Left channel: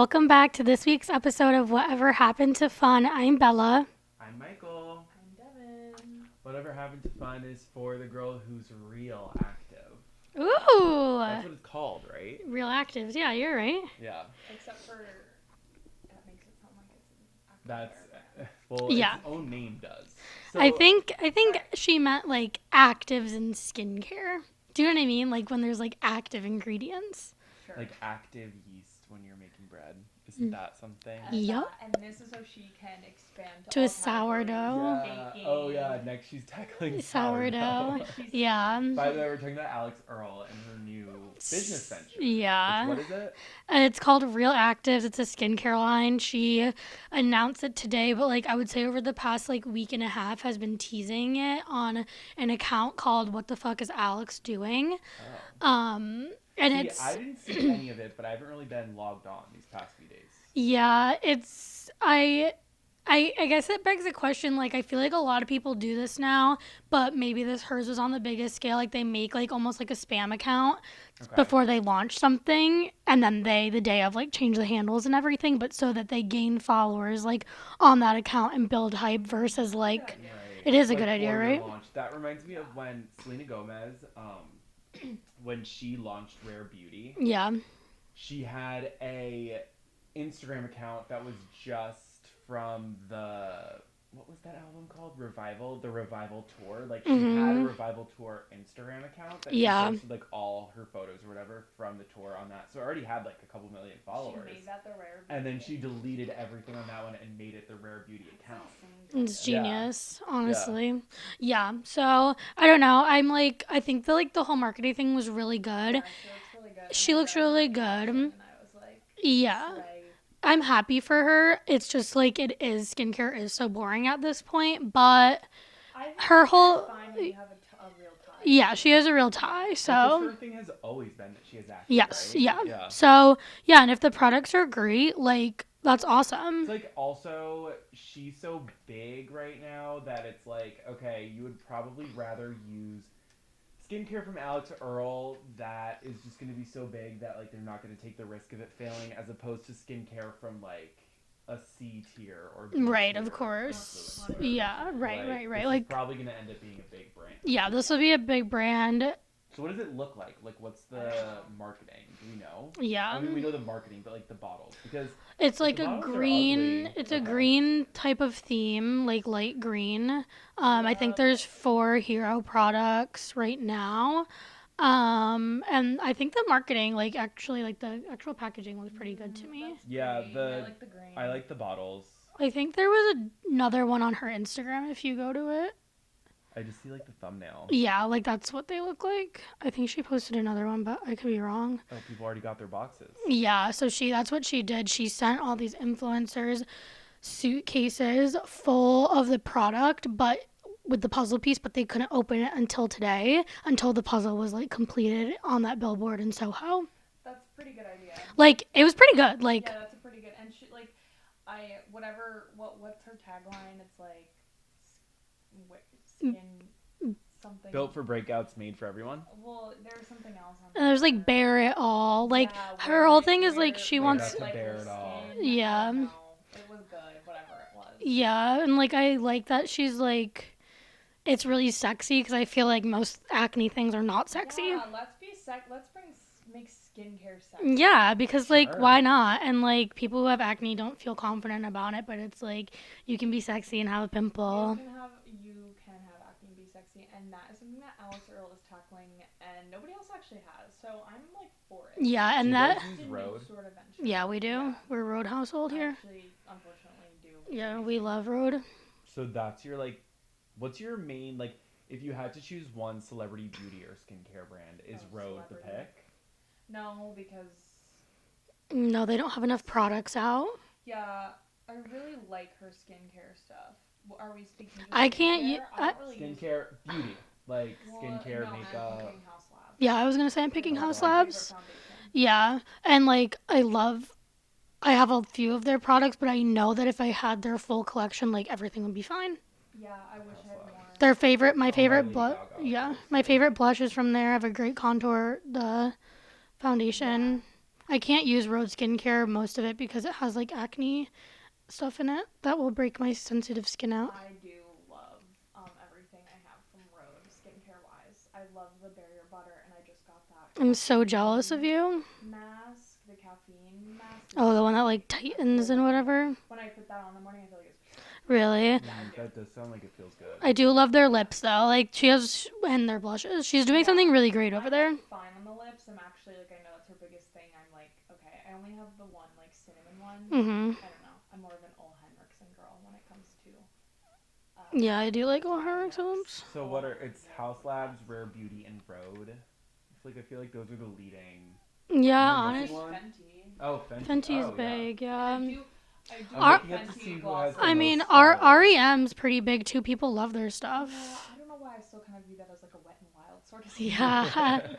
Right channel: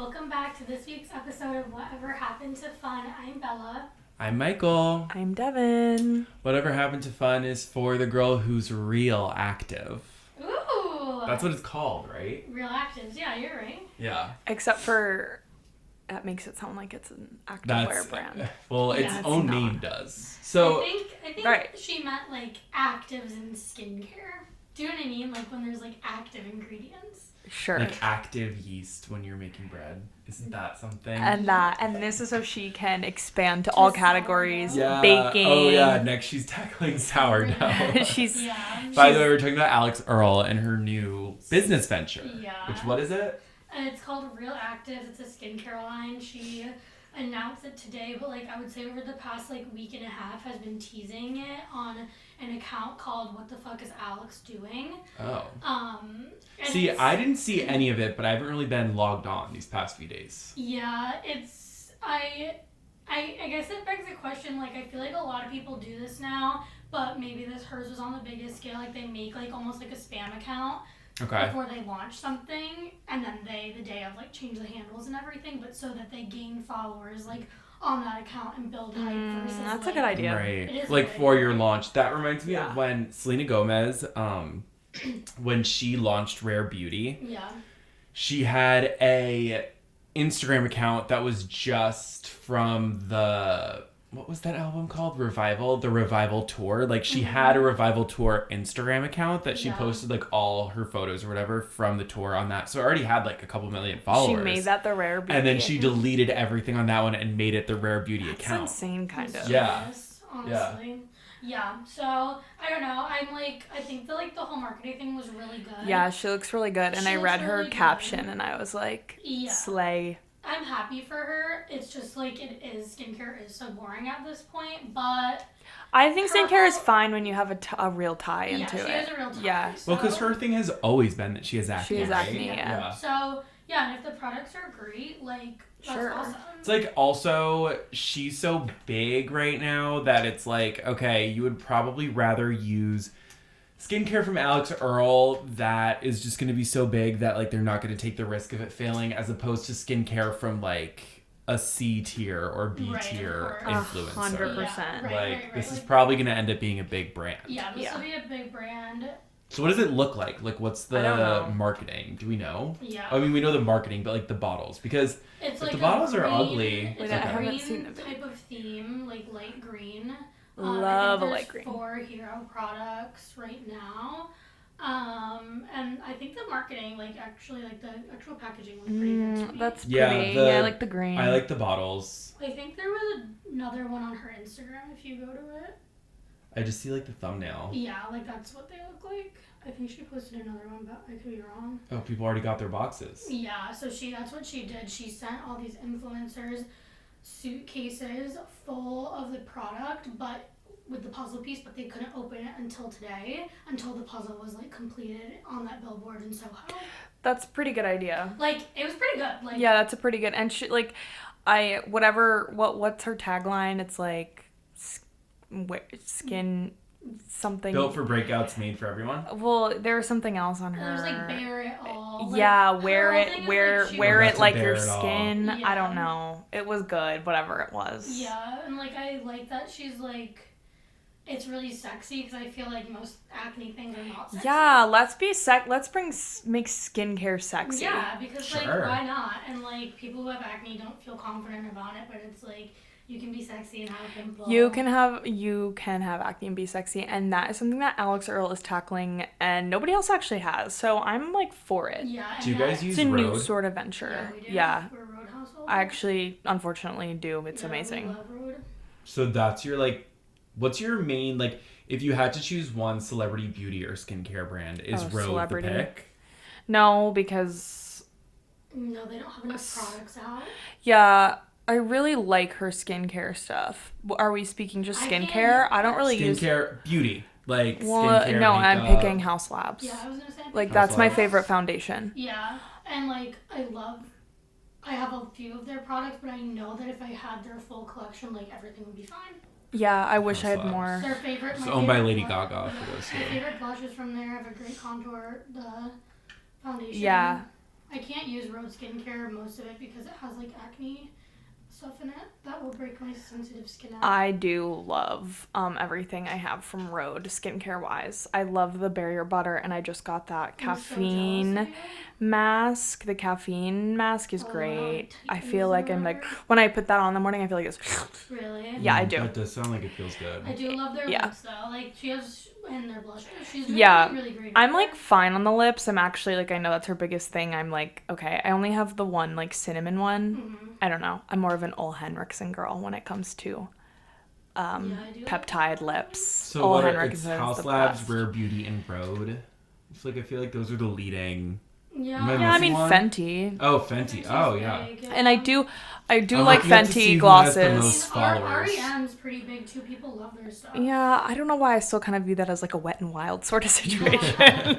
Welcome back to this week's episode of Whatever Happened to Fun. I'm Bella. I'm Michael. I'm Devin. Whatever Happened to Fun is for the girl who's real active. Ooh. That's what it's called, right? Real actives. Yeah, you're right. Yeah. Except for, that makes it sound like it's an activewear brand. Well, Yeah, its own name does. So I think right. she meant like actives in skincare. Do you know what I mean? Like when there's like active ingredients. Sure. like active yeast when you're making bread. Isn't that something? And this is so she can expand to all categories. sourdough. Baking. Oh yeah, next she's tackling sourdough. She's By the way, we're talking about Alix Earles and her new business venture. Yeah. What is it? It's called Real Actives. It's a skincare line. She announced it today, but like I would say over the past like week and a half has been teasing it on an account called What the Fuck is Alix Doing? Oh. And see, I didn't see any of it, but I haven't really been logged on these past few days. Yeah, it's I guess it begs the question, like I feel like a lot of people do this now, but maybe hers was on the biggest scale. Like they make like almost like a spam account before they launch something, and then the day of like change the handles and everything, but so that they gain followers like on that account and build hype versus that's like a good idea. Right. It is a like good idea, for your right? launch. That reminds me of when Selena Gomez, when she launched Rare Beauty, Yeah. she had a Instagram account that was just from what was that album called? Revival? The Revival Tour. Like, she had a Revival Tour Instagram account that she posted, like, all her photos or whatever from the tour on that. So, it already had, like, a couple million followers. She made that the Rare Beauty. And then she deleted everything on that one and made it the Rare Beauty account. That's insane, kind It's of. genius, honestly. Yeah. So, I don't know. I'm like, I think the whole marketing thing was really good. Yeah, she looks really good. And She I looks read really her good. caption and I was like, Yeah. slay. I'm happy for her. It's just like skincare is so boring at this point, but I think her skincare is whole- fine when you have a real tie. yeah, into she it. has a real tie. Yeah. So Well, because her thing has always been that she has acne, yes, right? yeah. So yeah, and if the products are great, like that's Sure. awesome. It's like also she's so big right now that it's like, okay, you would probably rather use skincare from Alix Earles that is just going to be so big that like they're not going to take the risk of it failing, as opposed to skincare from like a C tier or B Right, of tier course. influencer. 100%. Yeah, right. This is Like probably going to end up being a big brand. yeah, this Yeah. will be a big brand. So what does it look like? Like, what's I don't the know. marketing? Do we know? Yeah. I mean, we know the marketing, but like the bottles, because It's like the a bottles are green. ugly. It's I a haven't green seen them. type of theme, like light green. I Love think a there's light green. 4 hero products right now. And I think the marketing, like actually, like the actual packaging looks pretty good to me. That's Yeah, pretty. the- Yeah, I like the green. I like the bottles. I think there was another one on her Instagram if you go to it. I just see like the thumbnail. Yeah, like that's what they look like. I think she posted another one, but I could be wrong. Oh, people already got their boxes. Yeah, so that's what she did. She sent all these influencers suitcases full of the product, but with the puzzle piece, but they couldn't open it until today, until the puzzle was like completed on that billboard in Soho. That's a pretty good idea. Like it was pretty good. Like Yeah, that's a pretty good. And she like, what's her tagline? It's like, skin something. Built for breakouts, made for everyone. Well, there was something else on her. and there's like bear it all. Like yeah, her whole thing is like she wear wants it like to your bear it all. skin. Yeah. I don't know. It was good, whatever it was. Yeah, and like I like that she's like, it's really sexy because I feel like most acne things are not sexy. Yeah, let's make skincare sexy. Yeah, because like Sure. why not? And like people who have acne don't feel confident about it, but it's like you can be sexy and have a pimple. You can have acne and be sexy, and that is something that Alix Earles is tackling, and nobody else actually has. So I'm like for it. Yeah, and Do you that guys use It's a new Rode? sort of venture. yeah, we do. Yeah, We're Road household. I here. actually, unfortunately, do. It's yeah, amazing. We love Road. So that's your like, what's your main like? If you had to choose one celebrity beauty or skincare brand, is Rode celebrity. the pick? No, because No, they don't have enough products out. yeah, I really like her skincare stuff. Are we speaking just I can't- skincare? I don't really use. Skincare, beauty, like Well, skincare. no, I'm makeup. picking House Labs. Yeah, I was gonna say I'm like picking that's House my Labs. favorite foundation. Yeah, and like I have a few of their products, but I know that if I had their full collection, like everything would be fine. Yeah, I wish I had House more. Their favorite, my Owned by favorite, Lady blu- Gaga, yeah, for those my who- favorite blush is from there. I have a great contour, the foundation. Yeah. I can't use Rhode skincare, most of it, because it has like acne stuff in it that will break my sensitive skin out. I do love everything I have from Rhode skincare wise. I love the barrier butter, and I just got that caffeine I'm so jealous of you. mask. The caffeine mask is great. The one that like tightens I feel like whatever. when I put that on in the morning, I feel like it's Really? yeah, I do. That does sound like it feels good. I do love their lips though. Like she has, and their blushes. She's doing something really great. I'm like fine on the lips. I'm actually like, I know that's her biggest thing. I'm like, okay, I only have the one like cinnamon one. Mm-hmm. I don't know. I'm more of an Ole Henriksen girl when it comes to I do peptide like lips. So Ole what are Henriksen's House the Labs, best. Rare Beauty, and Rhode? I feel like those are the leading. Yeah. Am Yeah, I missing mean one? Fenty. Oh, Fenty. Oh, yeah. Big, yeah. And I do like I'll have to see Fenty who glosses. has the I most mean, followers. REM's pretty big too. People love their stuff. Yeah, I don't know why I still kind of view that as like a Wet and Wild sort of situation.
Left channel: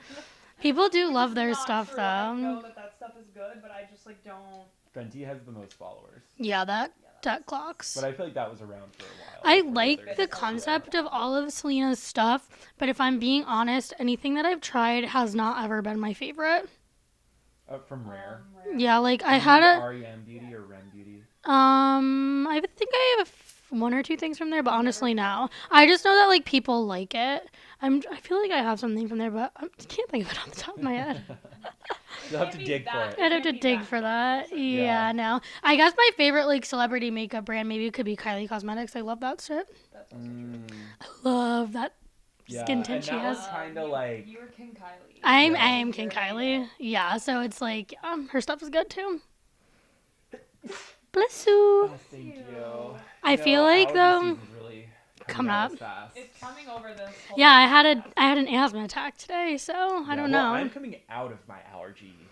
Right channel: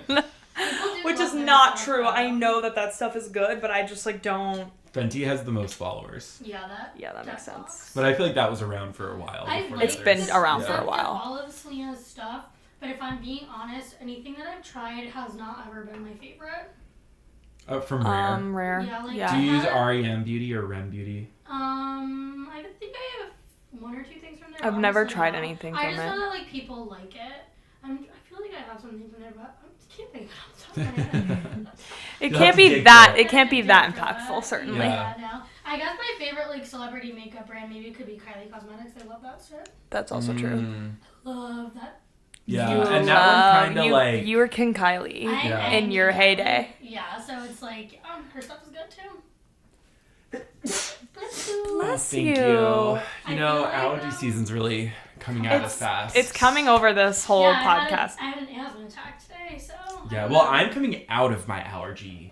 People do Which love is their not stuff, true. though. I know that stuff is good, but I just like don't. Fenty has the most followers. Yeah, that makes sense. clocks. But I feel like that was around for a while. I before like there's- the around for a concept of while. all of Selena's stuff, but if I'm being honest, anything that I've tried has not ever been my favorite. From Rare. Rare. Yeah, like Do I you had use a REM Beauty or REM Beauty? I think I have one or two things from there, but I've never honestly, tried no. anything I from just know it. that like people like it. I feel like I have something from there, but I can't think of it off the top of my head. It You'll can't have to be dig that. for It I'd have can't to be dig that for impactful. that. Certainly. Yeah, no. I guess my favorite like celebrity makeup brand maybe could be Kylie Cosmetics. I love that shit. That's also true. Love that. Yeah, You and that one's kind of you, like... you were King Kylie. I'm in King your Kylie. heyday. Yeah, so it's like her stuff is good too. Bless you. Oh, thank you. I feel like, allergy though, season's really coming come out up. fast. It's coming over this whole Yeah, podcast. I had an asthma attack today, so I don't well, know. I'm coming out of my allergy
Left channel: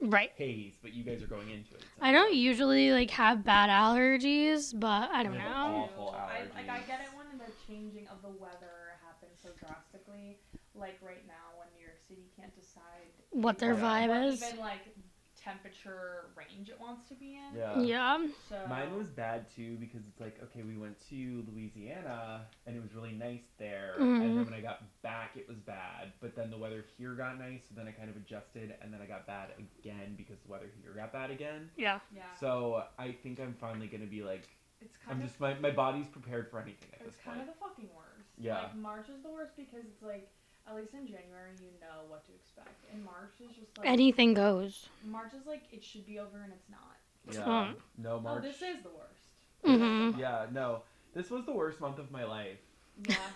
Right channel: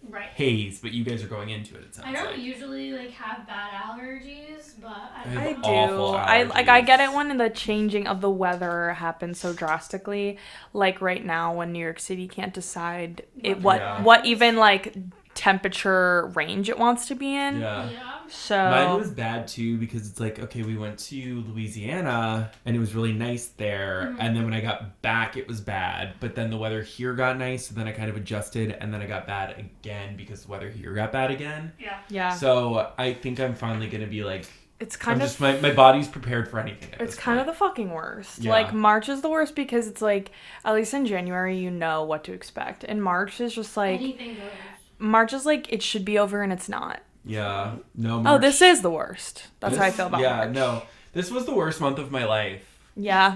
Right. haze, but you guys are going into it. It sounds I don't like. usually like have bad allergies, but I don't I know. have I awful do. I get it allergies. when the changing of the weather happens so drastically. Like right now, when New York City can't decide What their what vibe is. even like temperature range it wants to be in. Yeah. Yeah. So Mine was bad too because it's like, okay, we went to Louisiana and it was really nice there. Mm-hmm. And then when I got back, it was bad. But then the weather here got nice. So then I kind of adjusted and then I got bad again because the weather here got bad again. yeah, So I think I'm finally going to be like, it's kind of my body's prepared for anything. it's kind of the fucking worst. Yeah. Like March is the worst because it's like at least in January you know what to expect. And March is just like Anything goes. March is like it should be over and it's not. Yeah. No. Oh, March- this is the worst. That's how I feel about Yeah. March. No. This was the worst month of my life. Yeah.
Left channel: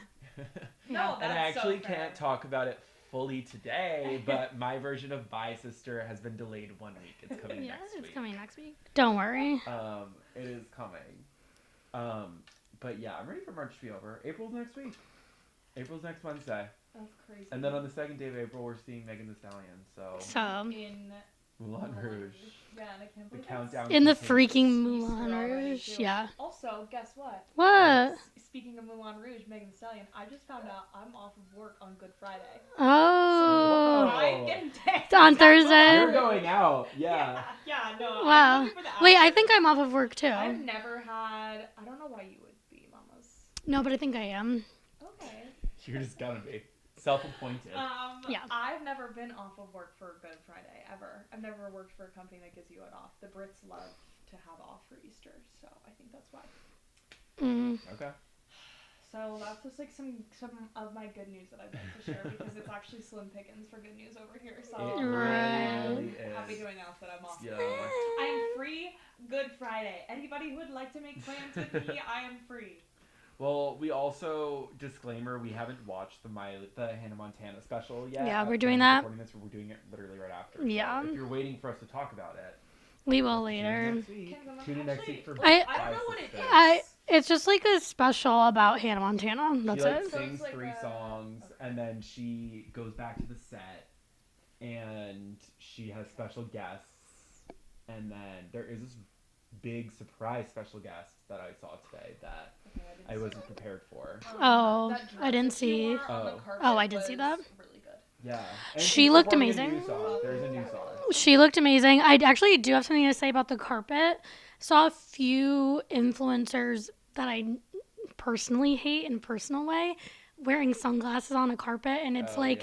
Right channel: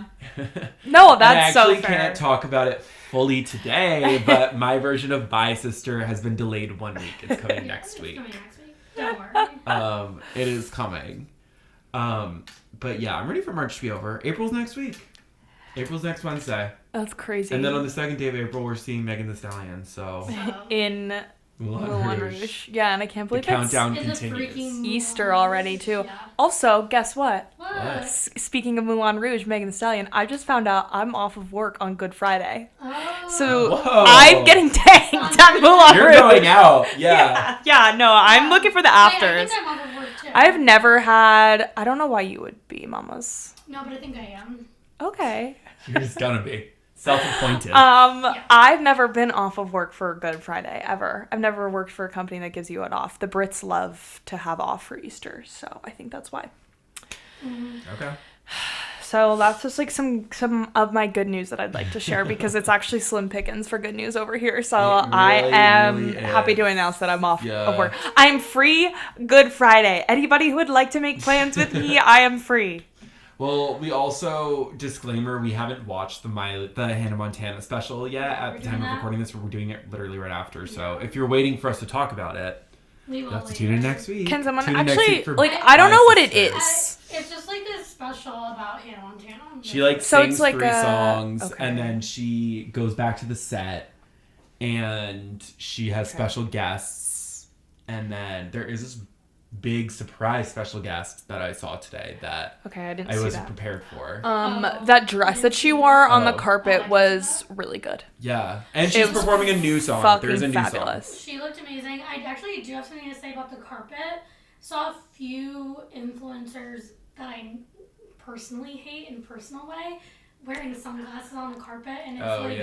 No, And I that's so actually fair. can't talk about it fully today, but my version of Bye Sister has been delayed 1 week. It's coming next week. Don't worry. It is coming. But yeah, I'm ready for March to be over. April's next week. April's next Wednesday. That's crazy. And then on the second day of April, we're seeing Megan Thee Stallion. So in Moulin Rouge. Yeah, and I can't believe the countdown In the continues. freaking Easter already too. Yeah. Also, guess what? What? Speaking of Moulin Rouge, Megan Thee Stallion, I just found out I'm off of work on Good Friday. Oh. So Whoa. I'm getting tagged On at Thursday. Moulin You're Rouge. going out. Yeah. Yeah, no, I'm Wow. looking for the afters. Wait, I think I'm off of work too. I've never had. I don't know why you would be, mamas. No, but I think I am. Okay. You're just gonna be self-appointed. I've never been off of work for Good Friday ever. I've never worked for a company that gives you it off. The Brits love to have off for Easter, so I think that's why. Okay. So that's just like some of my good news that I'd like to share because it's actually slim pickings for good news over here. So It I really, am really happy is. to announce that I'm off Yeah. of work. I'm free Good Friday. Anybody who would like to make plans with me, I am free. Well, we also, disclaimer, we haven't watched the Hannah Montana special yet. Yeah, At we're the doing time of that. recording this, we're doing it literally right after. Yeah. So if you're waiting for us to talk about it, We will you'll have to later. tune in next week. Can someone Tune in next actually week for like? Bye I don't know what it Sister. is. It's just like a special about Hannah Montana. That's She like it. So sings it's like 3 a- songs okay. and then she goes back to the set and she has special guests and then there is this big surprise special guest that I saw today that Okay, I didn't I see wasn't that. prepared for. Oh, That I dress didn't that she see. wore on the Oh. carpet Oh, I did see was that. really good. Yeah. And She she's looked performing a amazing. new song. Fucking There's a new fabulous. song. She looked amazing. I actually do have something to say about the carpet. Saw a few influencers that I personally hate in a personal way wearing sunglasses on a carpet, and it's I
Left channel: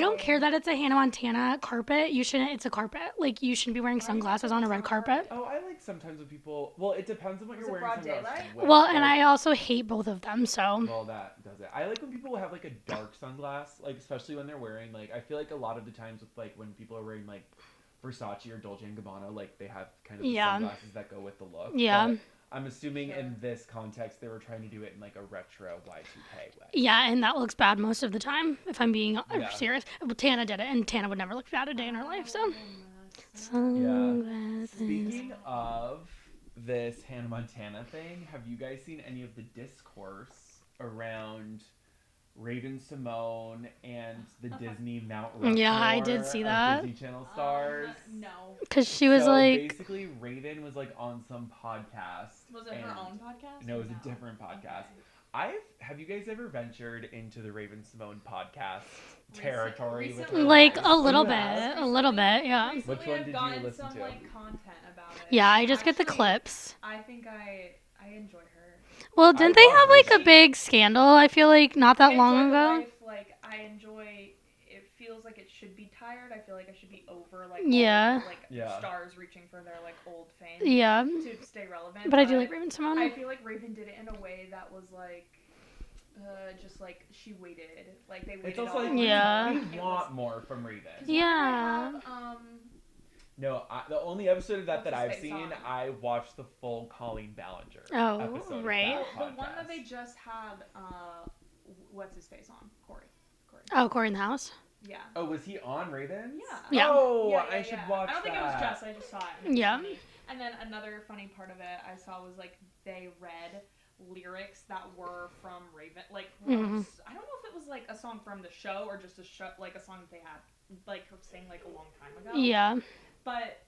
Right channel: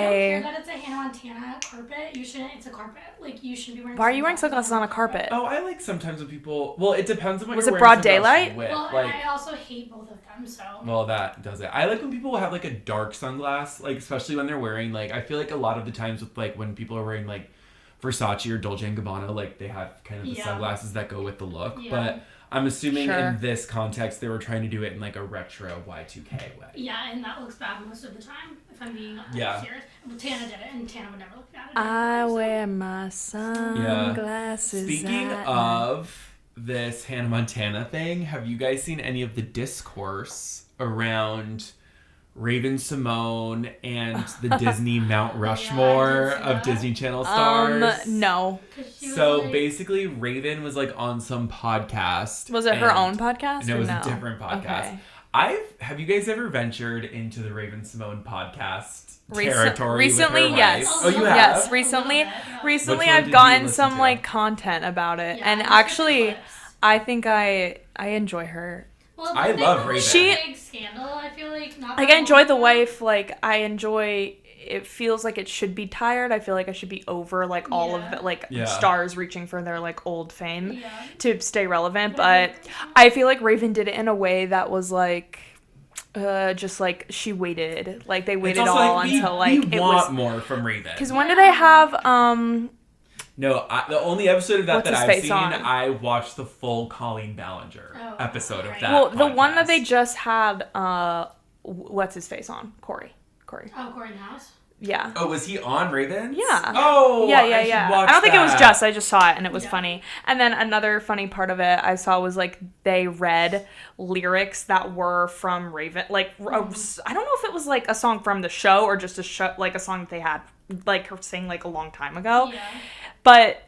don't care that it's a Hannah Montana carpet. It's a carpet. Like, you shouldn't be wearing Why sunglasses. are you wearing sunglasses on a carpet? Oh, I like sometimes when people... Well, it depends on what Was you're it wearing broad daylight? with. Well, and I also hate both of them, so... Well, that does it. I like when people have, like, a dark sunglass, like, especially when they're wearing, like... I feel like a lot of the times with, like, when people are wearing, like, Versace or Dolce & Gabbana, like, they have kind of the sunglasses that go with the look. Yeah. But I'm assuming in this context, they were trying to do it in, like, a retro Y2K way. Yeah, and that looks bad most of the time, if I'm being serious. Well, Tana did it, and Tana would never look bad at it. I wear my sunglasses. Speaking of this Hannah Montana thing, have you guys seen any of the discourse around Raven-Symoné and the Disney Mount Rushmore of Disney Channel stars? No. Because she was basically Raven was like on some podcast. Was it her own podcast? No, it was a different podcast. Okay. Have you guys ever ventured into the Raven-Symoné podcast territory? Recently, with her yes. wife? A little bit. Yes, Recently, recently Which one I've did you gotten listen some to? like content about it. Yeah, and I just actually, get the clips. I think I enjoy her. Well, I didn't they love have like Raven. a big scandal? I feel like not that Like, I long enjoy the ago. wife. Like, I enjoy. It feels like it should be tired. I feel like I should be over like all of the, like stars reaching for their like old fame. Yeah. To stay relevant, But I feel like Raven did it in a way that was like. Just like she waited, like they waited all until like you it want was more from Raven. because when did I have No, the only episode of that What's that his I've face seen, on? I watched the full Colleen Ballinger episode of that. well the one podcast. that they just had what's his face on Corey. Oh, Corey in the House? Yeah. Oh, was he on Raven? Yeah. Oh, yeah. I don't think it was that. just. I just saw it and it was funny. And then another funny part of it I saw was like they read lyrics that were from Raven. Like I don't know if it was like a song from the show or just a show like a song that they had like her sing like a long time ago. Yeah. But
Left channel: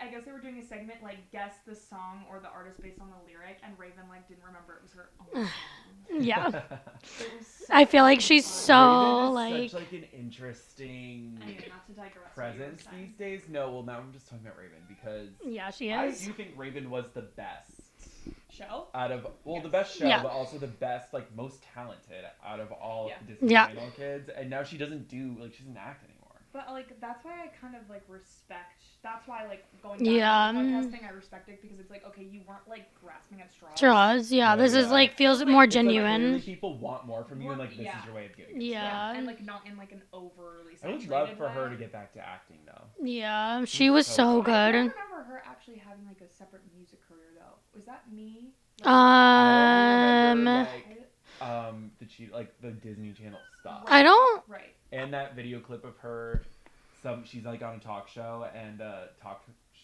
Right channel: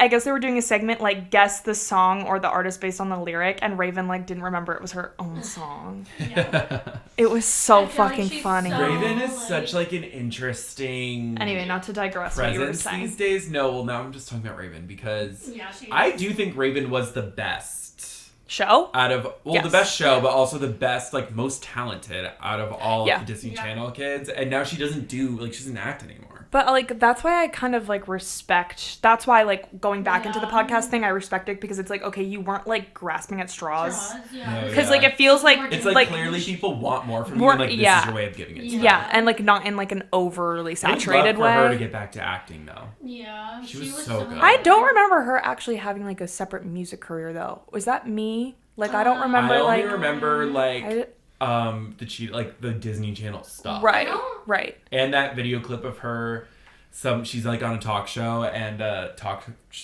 I guess they were doing a segment like guess the song or the artist based on the lyric, and Raven like didn't remember it was her own song. Yeah. It was so I feel like fucking she's funny. so Raven is like... such like an interesting Anyway, not to digress what you were presence saying. these days. No, well now I'm just talking about Raven because she is. I do think Raven was the best Show? out of the best show, but also the best like most talented out of all of the Disney Channel kids. And now she doesn't do like she doesn't act anymore. But like that's why I kind of like respect. That's why like going back into the podcast thing, I respect it because it's like okay, you weren't like grasping at straws. This is is like it feels like more It's genuine. like clearly people want more from you, and like this is your way of giving it. Yeah, and like not in like an overly saturated I'd love for way. her to get back to acting though. Yeah, she was so good. I don't remember her actually having like a separate music career though. Was that me? Like I don't remember. I only remember the cheat like the Disney Channel stuff. Right. I don't. Right. And that video clip of her. She's like on a talk show and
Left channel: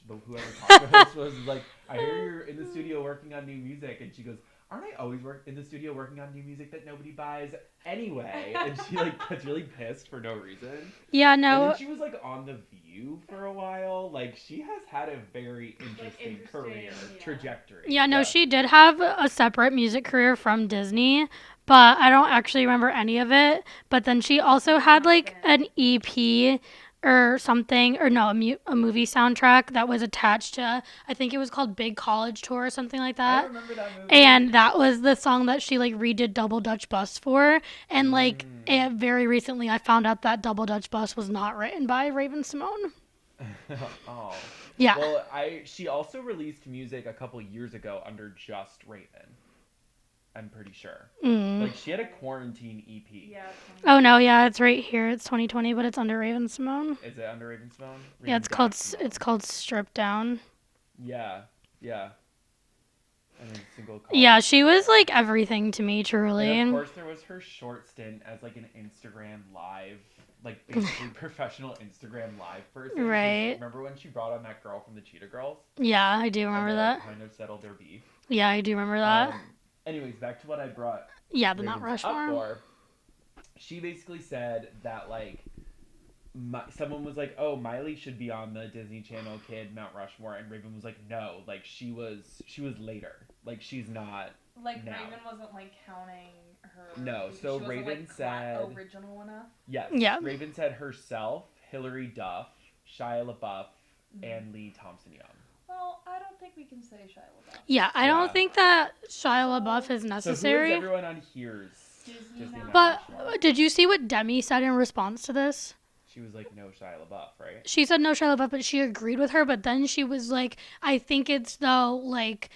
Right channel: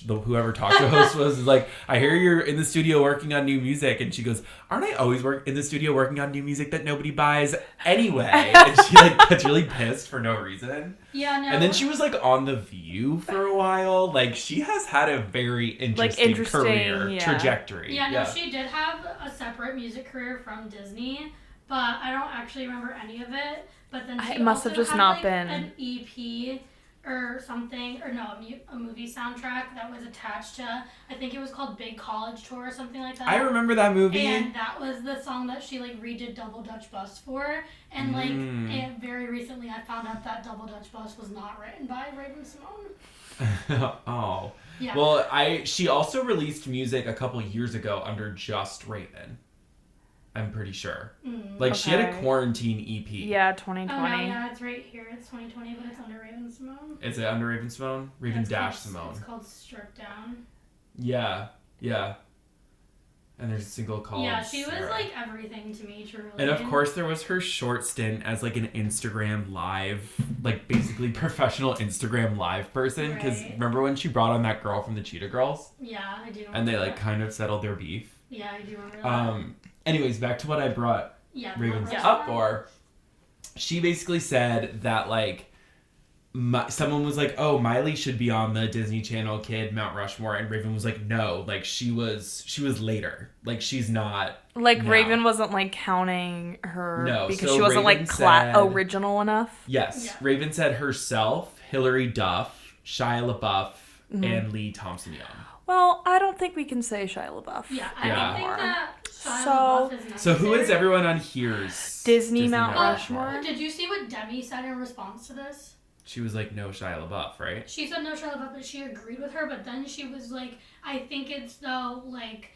whoever talk show host was like, I hear you're in the studio working on new music, and she goes, aren't I always in the studio working on new music that nobody buys anyway? And she like gets really pissed for no reason. Yeah, no. And then she was like on The View for a while. Like she has had a very interesting career trajectory. Yeah, no, she did have a separate music career from Disney, but I don't actually remember any of it. But then she also had like an EP or something, or no, a movie soundtrack that was attached to, I think it was called Big College Tour or something like that. I remember that movie. And that was the song that she like redid Double Dutch Bus for. And like very recently I found out that Double Dutch Bus was not written by Raven-Symoné. Oh. Yeah. Well, she also released music a couple years ago under just Raven. I'm pretty sure. She had a quarantine EP. Yeah, 2020. Oh no, yeah, it's right here. It's 2020, but it's under Raven-Symoné. Is it under Raven-Symoné? Yeah, it's called Strip Down. Yeah. And there's a single called Yeah, she was Sarah. like everything to me, truly. And of course, there was her short stint as like an Instagram live, like basically professional Instagram live person. Right. Remember when she brought on that girl from the Cheetah Girls? Yeah, I do remember And they that. like kind of settled their beef. Yeah, I do remember that. Anyways, back to what I brought Ravens up for. She basically said that like someone was like, "Oh, Miley should be on the Disney Channel Kid Mount Rushmore," and Raven was like, "No, like she was later. Like she's not." Like now. Raven wasn't like counting her because so she wasn't Raven like said, original enough. Yes. Yeah. Raven said herself, Hilary Duff, Shia LaBeouf, and Lee Thompson Young. Well, I don't think we can say Shia LaBeouf. Yeah, I don't think that Shia LaBeouf is necessary. So who is everyone on here's Disney Mount Rushmore? But did you see what Demi said in response to this? She was like, no Shia LaBeouf, right? She said no Shia LaBeouf, but she agreed with her. But then she was like, I think it's though, like,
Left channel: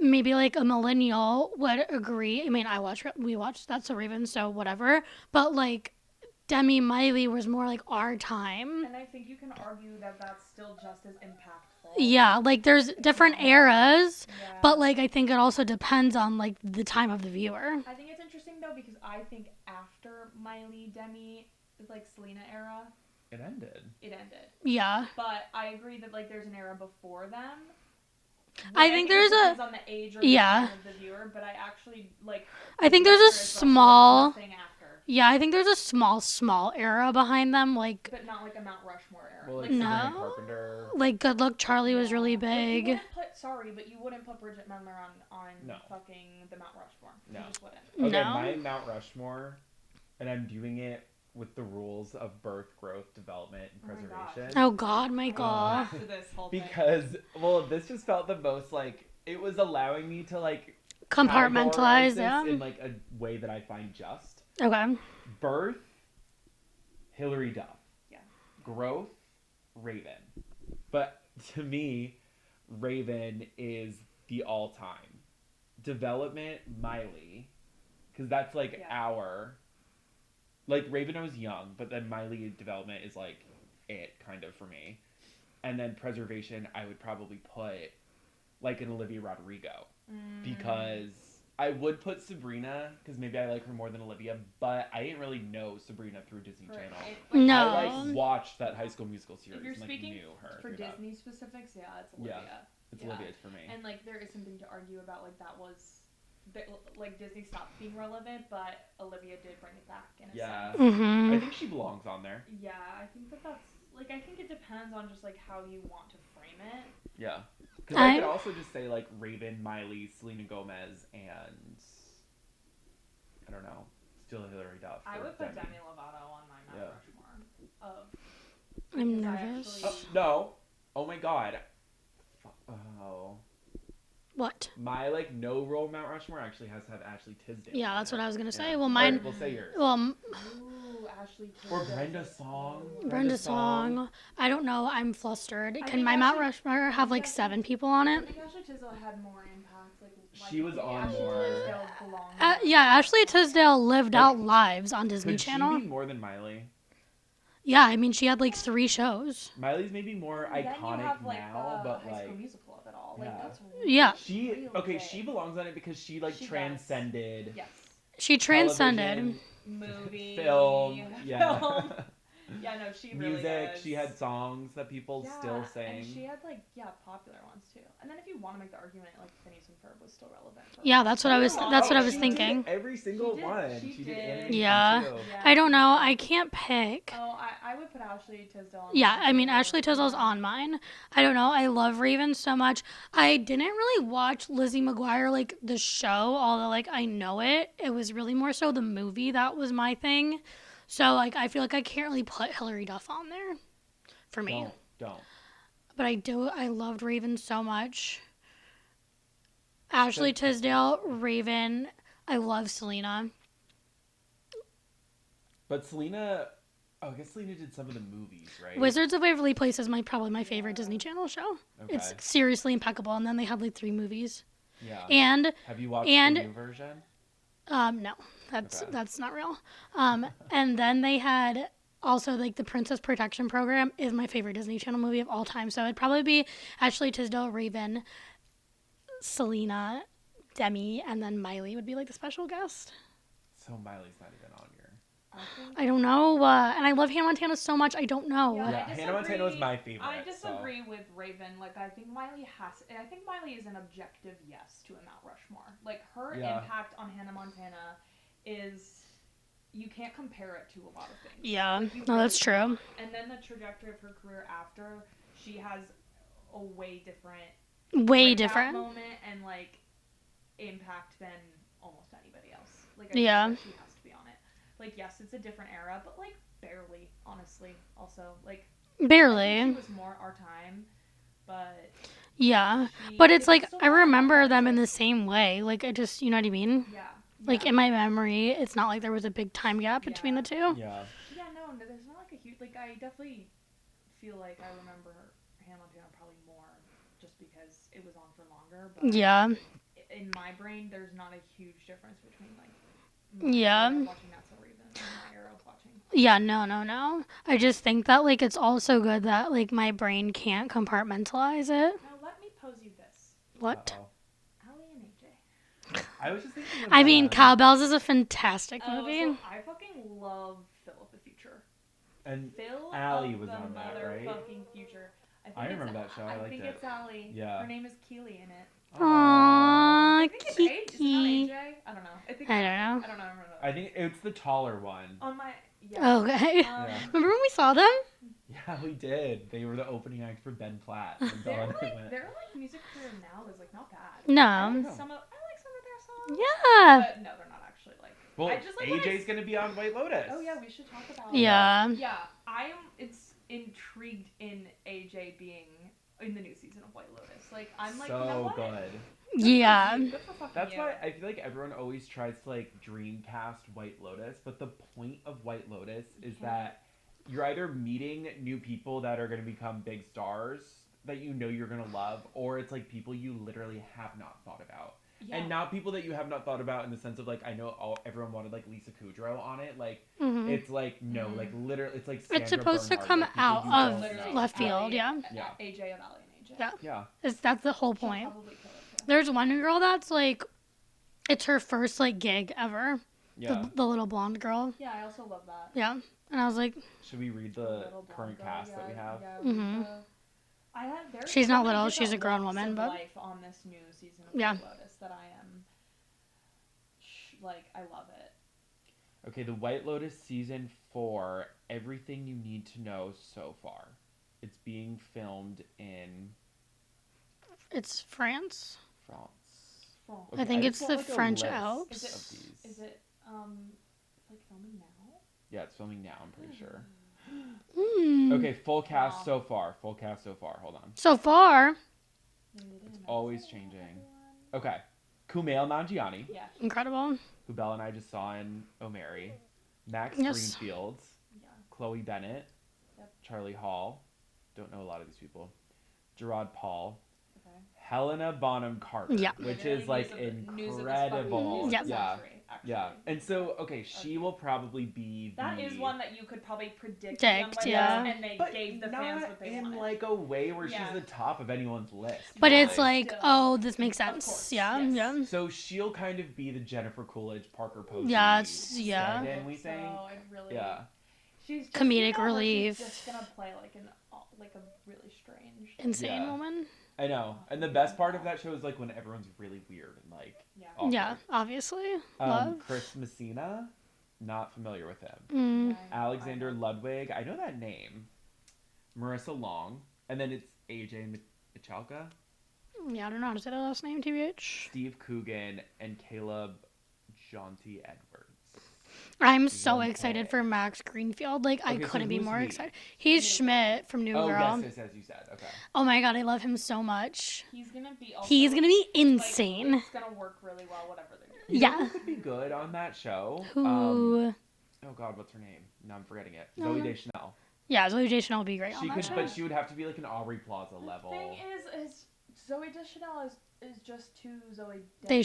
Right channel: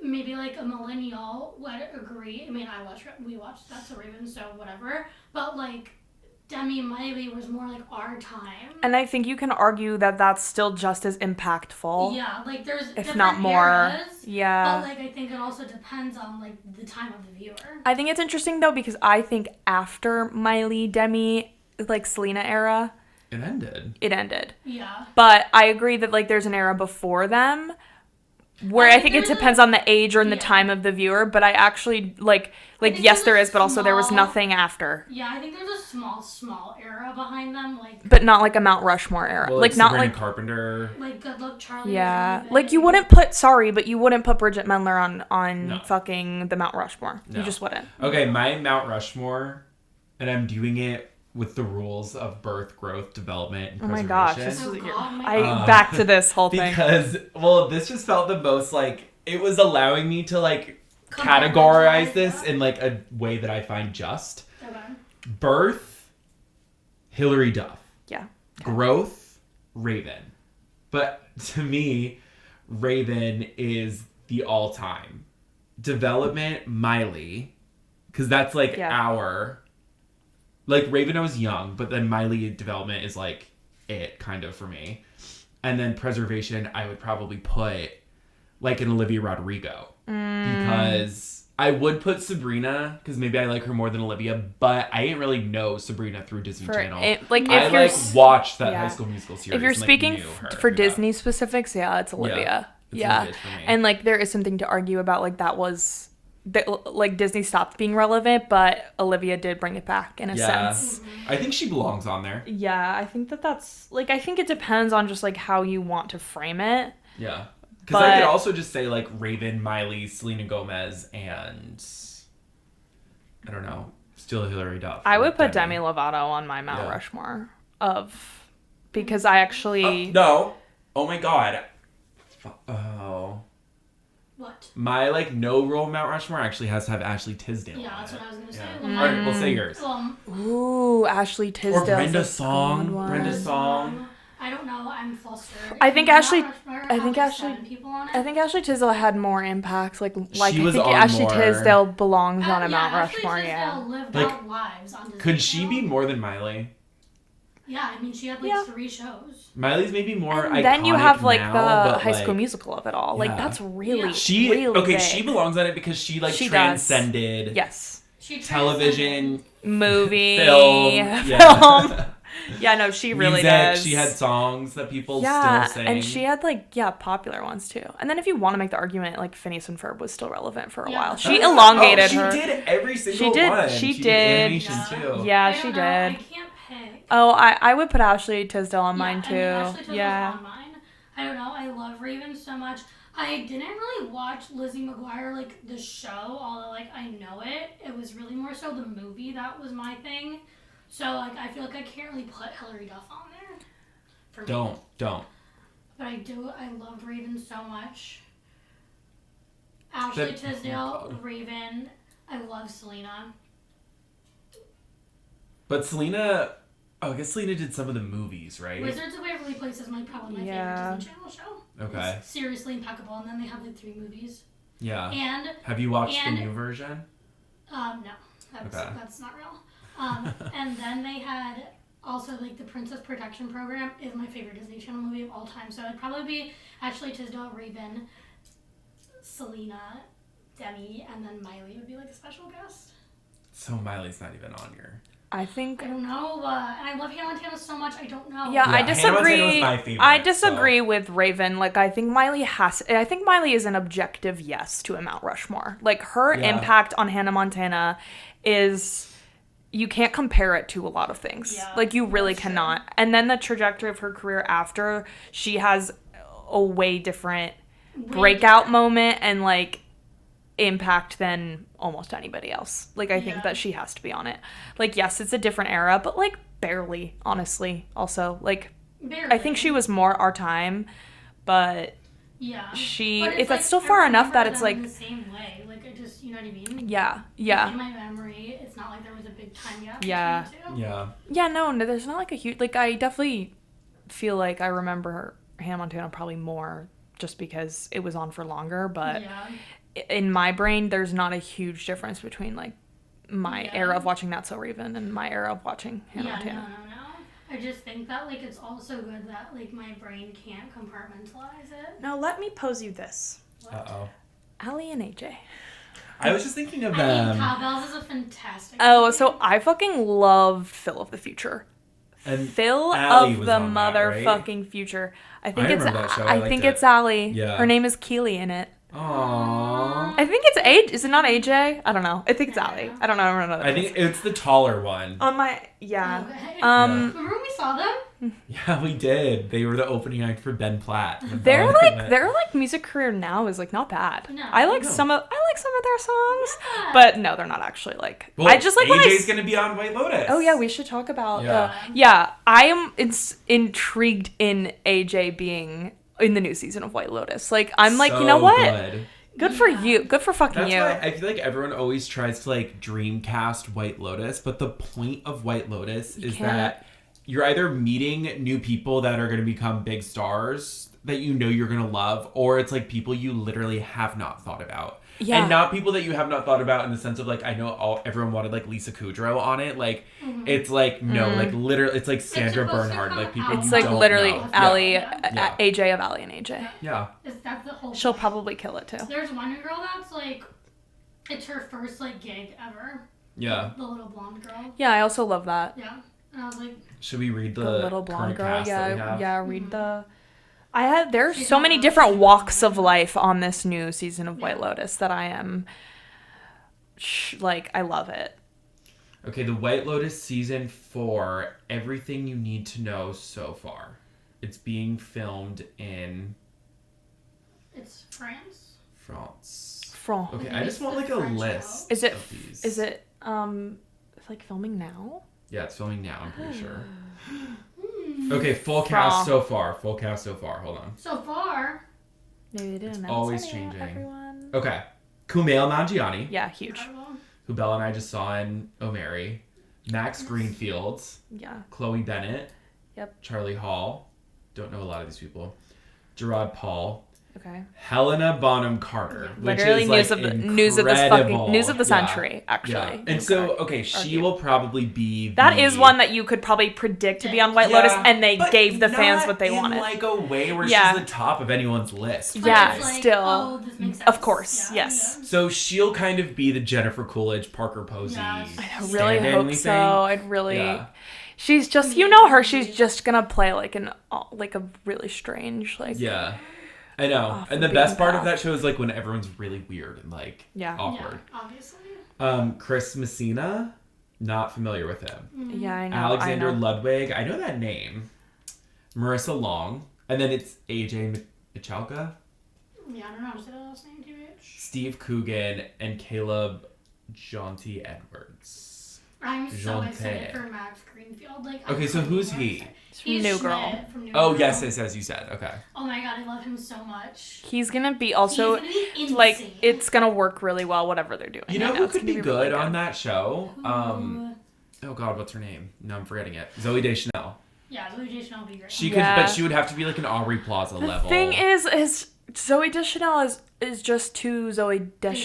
maybe like a millennial would agree. I mean, we watched That's a Raven, so whatever. But like, Demi Miley was more like our time. And I think you can argue that that's still just as impactful. Yeah, like there's different eras. Yeah. But like I think it also depends on like the time of the viewer. I think it's interesting though because I think after Miley, Demi, like Selena era, it ended. Yeah. But I agree that like there's an era before them where I think it depends on the age or the time of the viewer, but I actually like yes there is, but also there was nothing after. Yeah, I think there's a small era behind them, like, but not like a Mount Rushmore era. Well, like not Sabrina like Carpenter. Like Good Luck Charlie was really big. Like you wouldn't put Bridget Mendler on fucking the Mount Rushmore. No. You just wouldn't. Okay, my Mount Rushmore, and I'm doing it with the rules of birth, growth, development, and preservation. Oh my god. Back to this whole thing. Because, well, this just felt the most, like, it was allowing me to, like, categorize this in, like, a way that I find just. Okay. Birth, Hilary Duff. Yeah. Okay. Growth, Raven. But, to me, Raven is the all-time. Development, Miley. Because that's, like, our... Like, Raven I was young, but then Miley development is, like, it, kind of, for me. And then preservation, I would probably put, like, an Olivia Rodrigo. Because I would put Sabrina, because maybe I like her more than Olivia, but I didn't really know Sabrina through Disney Channel. I watched that High School Musical series. If you're speaking for Disney specifics, it's Olivia. Yeah. And, like, there is something to argue about, like, that was... like Disney stopped being relevant, but Olivia did bring it back in a sense. Mm-hmm. I think she belongs on there. Yeah, I think that's like I think it depends on just like how you want to frame it. Yeah, because I could also just say like Raven, Miley, Selena Gomez, and I don't know, still Hilary Duff. I would put Demi Lovato on my Mount Rushmore because I actually no. Oh my god. Oh. What? My, like, no role Mount Rushmore actually has to have Ashley Tisdale. Yeah, that's what I was going to say. Well, mine... We'll say yours. Ooh, Ashley Tisdale. Or Brenda Song. I don't know. I'm flustered. I think Ashley... I have, like, 7 people on it. I think Ashley Tisdale had more impact. Like I think Ashley Tisdale belongs on a Mount Rushmore. Yeah, Ashley Tisdale lived out lives on Disney Channel. Could she be more than Miley? Yeah, I mean, she had, like, 3 shows. Miley's maybe more iconic then you have, like, now, the High School Musical of it all. Like, that's really, really big. She belongs on it because she, like, transcended... Yes. She transcended. Television, movie, film. Yeah, no, she really music, does. She had songs that people still sing. And she had, like, popular ones, too. And then if you want to make the argument, like, Phineas and Ferb was still relevant for a while. She elongated her. She did every single one. She did. Yeah, I don't know. I can't pick. Oh, I would put Ashley Tisdale on mine, too. I mean, Ashley Tisdale's on mine. I don't know. I love Raven so much. I didn't really watch Lizzie McGuire, like, the show, although, like, I know it. It was really more so the movie that was my thing. So, like, I feel like I can't really put Hilary Duff on there for me. Don't. But I do. I loved Raven so much. Ashley Tisdale, Raven. I love Selena. But Selena... Oh, I guess Selena did some of the movies, right? Wizards of Waverly Place is probably my favorite Disney Channel show. Okay. It's seriously impeccable. And then they have, like, 3 movies. Yeah. And... Have you watched the new version? No. That's not real. And then they had also, like, the Princess Protection Program is my favorite Disney Channel movie of all time. So it'd probably be Ashley Tisdale, Raven, Selena, Demi, and then Miley would be, like, the special guest. So Miley's not even on your... I don't know. And I love Hannah Montana so much. I don't know. Yeah, I disagree. My favorite, I disagree with Raven. Like, I think Miley is an objective yes to a Mount Rushmore. Like, her impact on Hannah Montana is... You can't compare it to a lot of things. Yeah, like, you really cannot. True. And then the trajectory of her career after, she has a way different breakout moment and, like, impact than almost anybody else. Like, I think that she has to be on it. Like, yes, it's a different era, but, like, barely, honestly, also. Like, barely. I think she was more our time, but yeah. But it's like still I far enough remember that it's them like in the same way. Like I just, you know what I mean? Yeah. Like in my memory, it's not like there was a big time gap between the two. Yeah. Yeah, no, there's not like a huge, like I definitely feel like I remember Hannah Montana probably more just because it was on for longer, but in my brain there's not a huge difference between like my era of watching Not So Raven and my era of watching Hannah Montana. No. I just think that like it's also good that like my brain can't compartmentalize it. Now let me pose you this. What? Uh-oh. Allie and AJ. I was just thinking of I mean, Cowbells is a fantastic movie. So I fucking love Phil of the Future. And Phil Allie of was the on that, right? motherfucking future. I think remember that show. I liked think it. it's Allie. Yeah. Her name is Keely in it. Aww. I think it's AJ. Is it not AJ? I don't know. I think it's I Allie. don't know. I don't know. I don't know. I think it's the taller one. On my Okay. Um, Remember when we saw them? Yeah, we did. They were the opening act for Ben Platt. their music career now is like not bad. No. I like some of their songs. Yeah. But no, they're not actually like. Well, I just like AJ's gonna be on White Lotus. Oh yeah, we should talk about. Yeah. Yeah, I am intrigued in AJ being in the new season of White Lotus. Like I'm like, you know what? Good for you. Good for fucking That's you. why I feel like everyone always tries to like dreamcast White Lotus, but the point of White Lotus is that you're either meeting new people that are going to become big stars that you know you're going to love, or it's like people you literally have not thought about. Yeah. And not people that you have not thought about in the sense of like, I know everyone wanted like Lisa Kudrow on it. Like, it's like, no, like literally, it's like Sandra Bernhard. Like, people it's like literally know. Allie, AJ of Allie and AJ. Yeah. That's the whole point. She'll probably kill it too. There's one girl that's like, it's her first like gig ever. Yeah. The little blonde girl. Yeah, I also love that. Yeah. And I was like, should we read the little blonde girl? cast that we have? Read the. There's She's so not many well, different she's a walks grown of woman. life on this new season of White Lotus that I am like, I love it. Okay, the White Lotus season 4, everything you need to know so far. It's being filmed in it's France. France. France. I think I it's just want, the like, a French list Alps. Is it? of these. Is it? Like filming now? Yeah, it's filming now, I'm pretty sure. Hmm. Okay, full cast so far. Full cast so far. Hold on. So far. Maybe they didn't. Always announce it, changing. Everyone. Okay. Kumail Nanjiani, Yeah, huge. Incredible. who Bella and I just saw in O'Mary. Max Yes. Greenfield. Yeah. Chloe Bennett. Yep. Charlie Hall. Don't know a lot of these people. Gerard Paul. Okay. Helena Bonham Carter. Yeah. which Literally is, news like, of the news of this fucking news of the Yeah. century, actually. Yeah. And so, okay, she will probably be That is one that you could probably predict to be on White Lotus, and they but gave the fans not what they in, wanted. like a way where Yeah. she's the top of anyone's list. But Yeah, it's like, still. oh, this makes sense. Of course, Yeah, yes. Yeah. So she'll kind of be the Jennifer Coolidge, Parker Posey. Yes. I Yeah. really stand-in hope thing. so. I'd really. Yeah. She's just, you Comedic know her. relief. She's just gonna play like a really strange, like. Yeah. woman. I know. Off And the the best beaten part of path. that show is like when everyone's really weird and like Yeah. awkward. Yeah, obviously. Chris Messina, not familiar with him. Yeah, I know. Alexander I know. Ludwig, I know that name. Marissa Long, and then it's AJ Michalka, Yeah, I don't know how to say the last name, TBH. Steve Coogan, and Caleb Jonty Edwards. I'm so Jean excited Pay. for Max Greenfield. Like, Okay, I so couldn't be who's more he? excited. He's New Girl. Schmidt from New Oh, Girl. yes, as you said. Okay. Oh my god, I love him so much. He's gonna be also. He's gonna be insane. Like, it's gonna work really well, whatever they're doing. You know who it's could gonna be really good on that show? Who? Oh god, what's her name? No, I'm forgetting it. Zoe Deschanel. Yeah, Zoe Deschanel would be great. She on could, that. but she would have to be like an Aubrey Plaza The level. thing is Zoe Deschanel is just too Zoe Deschanel.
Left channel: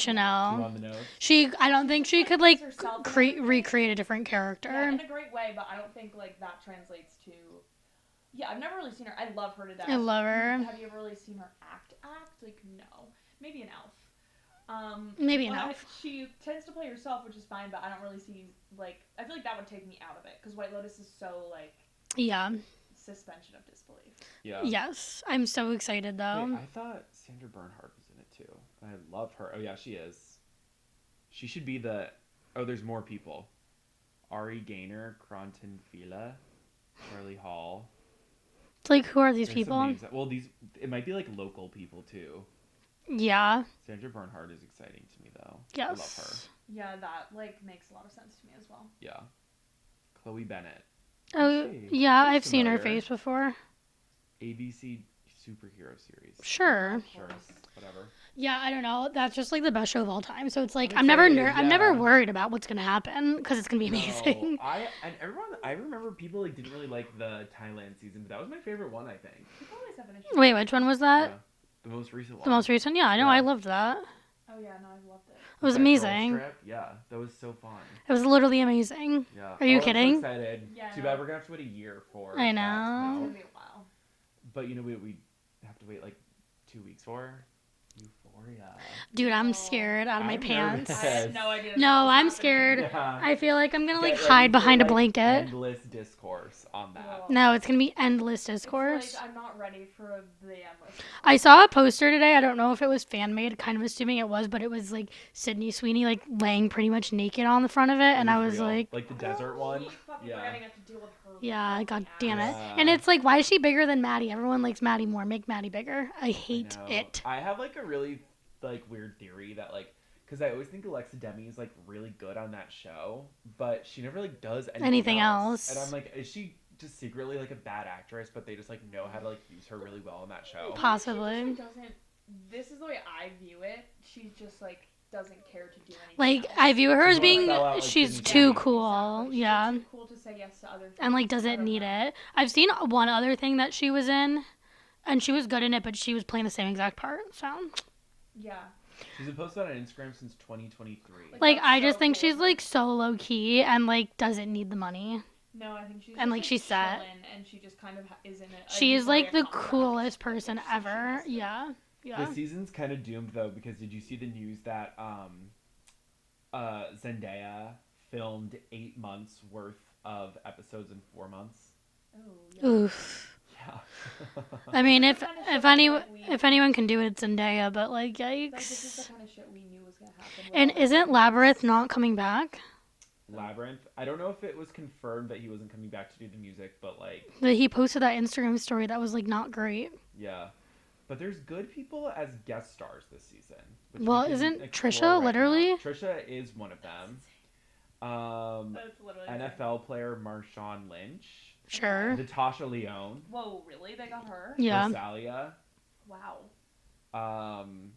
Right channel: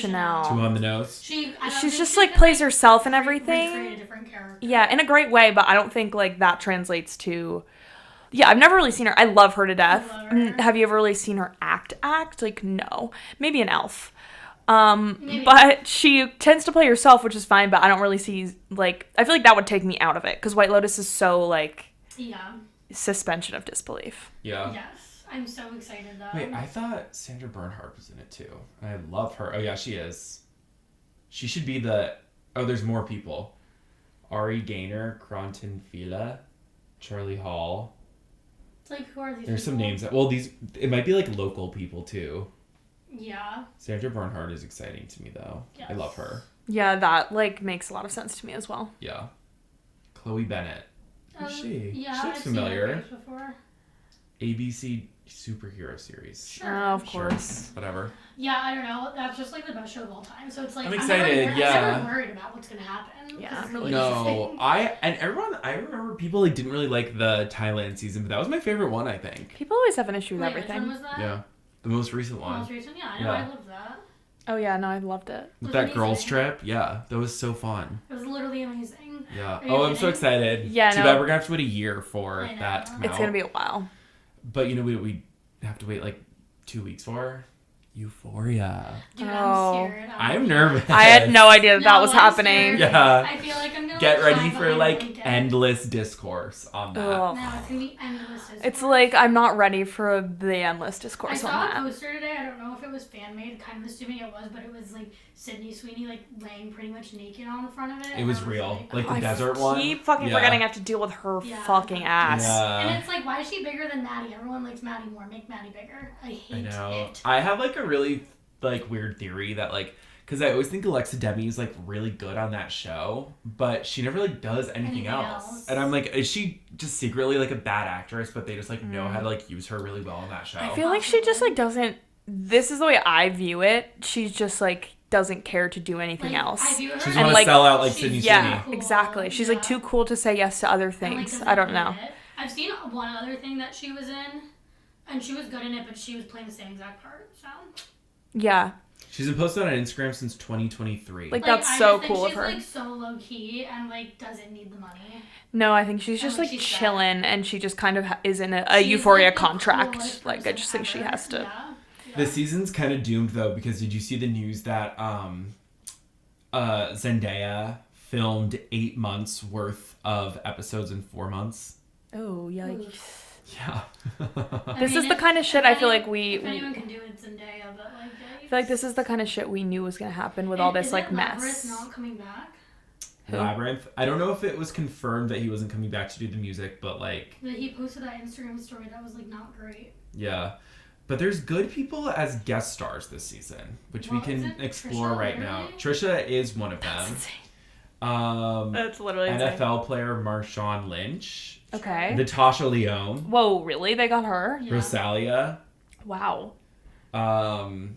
Deschanel. Too on the nose. I don't She's think just she like could, plays like, herself and everything. recreate a different character. Yeah, in a great way, but I don't think like that translates to. Yeah, I've never really seen her. I love her to death. I love her. Have you ever really seen her act? Like, no. Maybe an elf. Maybe. But she tends to play herself, which is fine, but I don't really see, like, I feel like that would take me out of it, because White Lotus is so, like, Yeah. suspension of disbelief. Yeah. Yes. I'm so excited though. Wait, I thought Sandra Bernhard was in it too. I love her. Oh yeah, she is. She should be the. Oh, there's more people. Ari Gaynor, Cronton Fila, Charlie Hall. It's like, who are these There's people? some names. Well, it might be like local people too. Yeah. Sandra Bernhard is exciting to me though. Yes. I love her. Yeah, that, like, makes a lot of sense to me as well. Yeah. Chloe Bennett. Oh, Who's she? yeah, She looks I've seen her familiar. face before. ABC. superhero series. Sure. Of course. Whatever. Yeah, I don't know. That's just like the best show of all time. So it's like I'm never excited, I'm never worried about what's gonna happen because it's gonna be amazing. I remember people like didn't really like the Thailand season, but that was my favorite one, I think. People always have an issue with Wait, everything. which one was that? Yeah. The most recent one. The most recent? Yeah, I know. Yeah. I loved that. Oh yeah, no, I loved it. It was that amazing. girls trip, yeah, that was so fun. It was literally amazing. Yeah. Are you I'm kidding? so excited. Yeah, Too no. bad we're gonna have to wait a year for I know. that to come It's out. gonna be a while. But you know we have to wait like 2 weeks for Euphoria. Dude, I'm scared. I'm nervous. I had no idea that was I'm happening. scared. Yeah. I feel like I'm gonna Get like ready hide for behind like a blanket. endless discourse on that. Ugh. No, it's gonna be endless discourse. It's like I'm not ready for the endless discourse. I saw a on that. poster today. I don't know if it was fan made. Kind of assuming it was, but it was like Sydney Sweeney like laying pretty much naked on the front of it, and I was real. like, the I desert one. keep fucking Yeah. forgetting I have to deal with her yeah, fucking ass. Yeah. And it's like, why is she bigger than Maddie? Everyone likes Maddie more. Make Maddie bigger. I I hate know. it. I have like a really like weird theory that like because I always think Alexa Demi is like really good on that show, but she never like does anything else. And I'm like, is she just secretly like a bad actress, but they just like know how to like use her really well on that show? I feel like she just like doesn't. This is the way I view it. She's just like doesn't care to do anything Like else. I view her She's as gonna like sell out like she's Sydney too Sweeney. cool. Exactly. She's like Yeah. too cool to say yes to other things. And like doesn't I don't need know. it. I've seen one other thing that she was in, and she was good in it, but she was playing the same exact part. So Yeah. She's been posted on Instagram since 2023. Like, like that's I so just think cool of she's her. like so low key and like doesn't need the money. No, I think she's And, just like, like she's sad. chilling, and she just kind of is in a She's, Euphoria like, the contract. coolest Like I person just think she ever. has to. Yeah. The season's kind of doomed though because did you see the news that Zendaya filmed 8 months worth of episodes in 4 months? Oh yeah. Oof. Yeah. I mean, is the kind of shit I feel like if anyone can do it, it's Zendaya. But like, yikes. I feel like this is the kind of shit we knew was gonna happen with And all this. isn't like, Labyrinth mess. not coming back? Who? Labyrinth. I don't know if it was confirmed that he wasn't coming back to do the music, but like, But he posted that Instagram story that was like not great. yeah. But there's good people as guest stars this season, which Well, we can isn't explore Trisha right literally? now. Trisha is one of them. That's literally insane. NFL player Marshawn Lynch, Okay. Natasha Lyonne, Whoa, really? They got her? Yeah. Rosalia, Wow.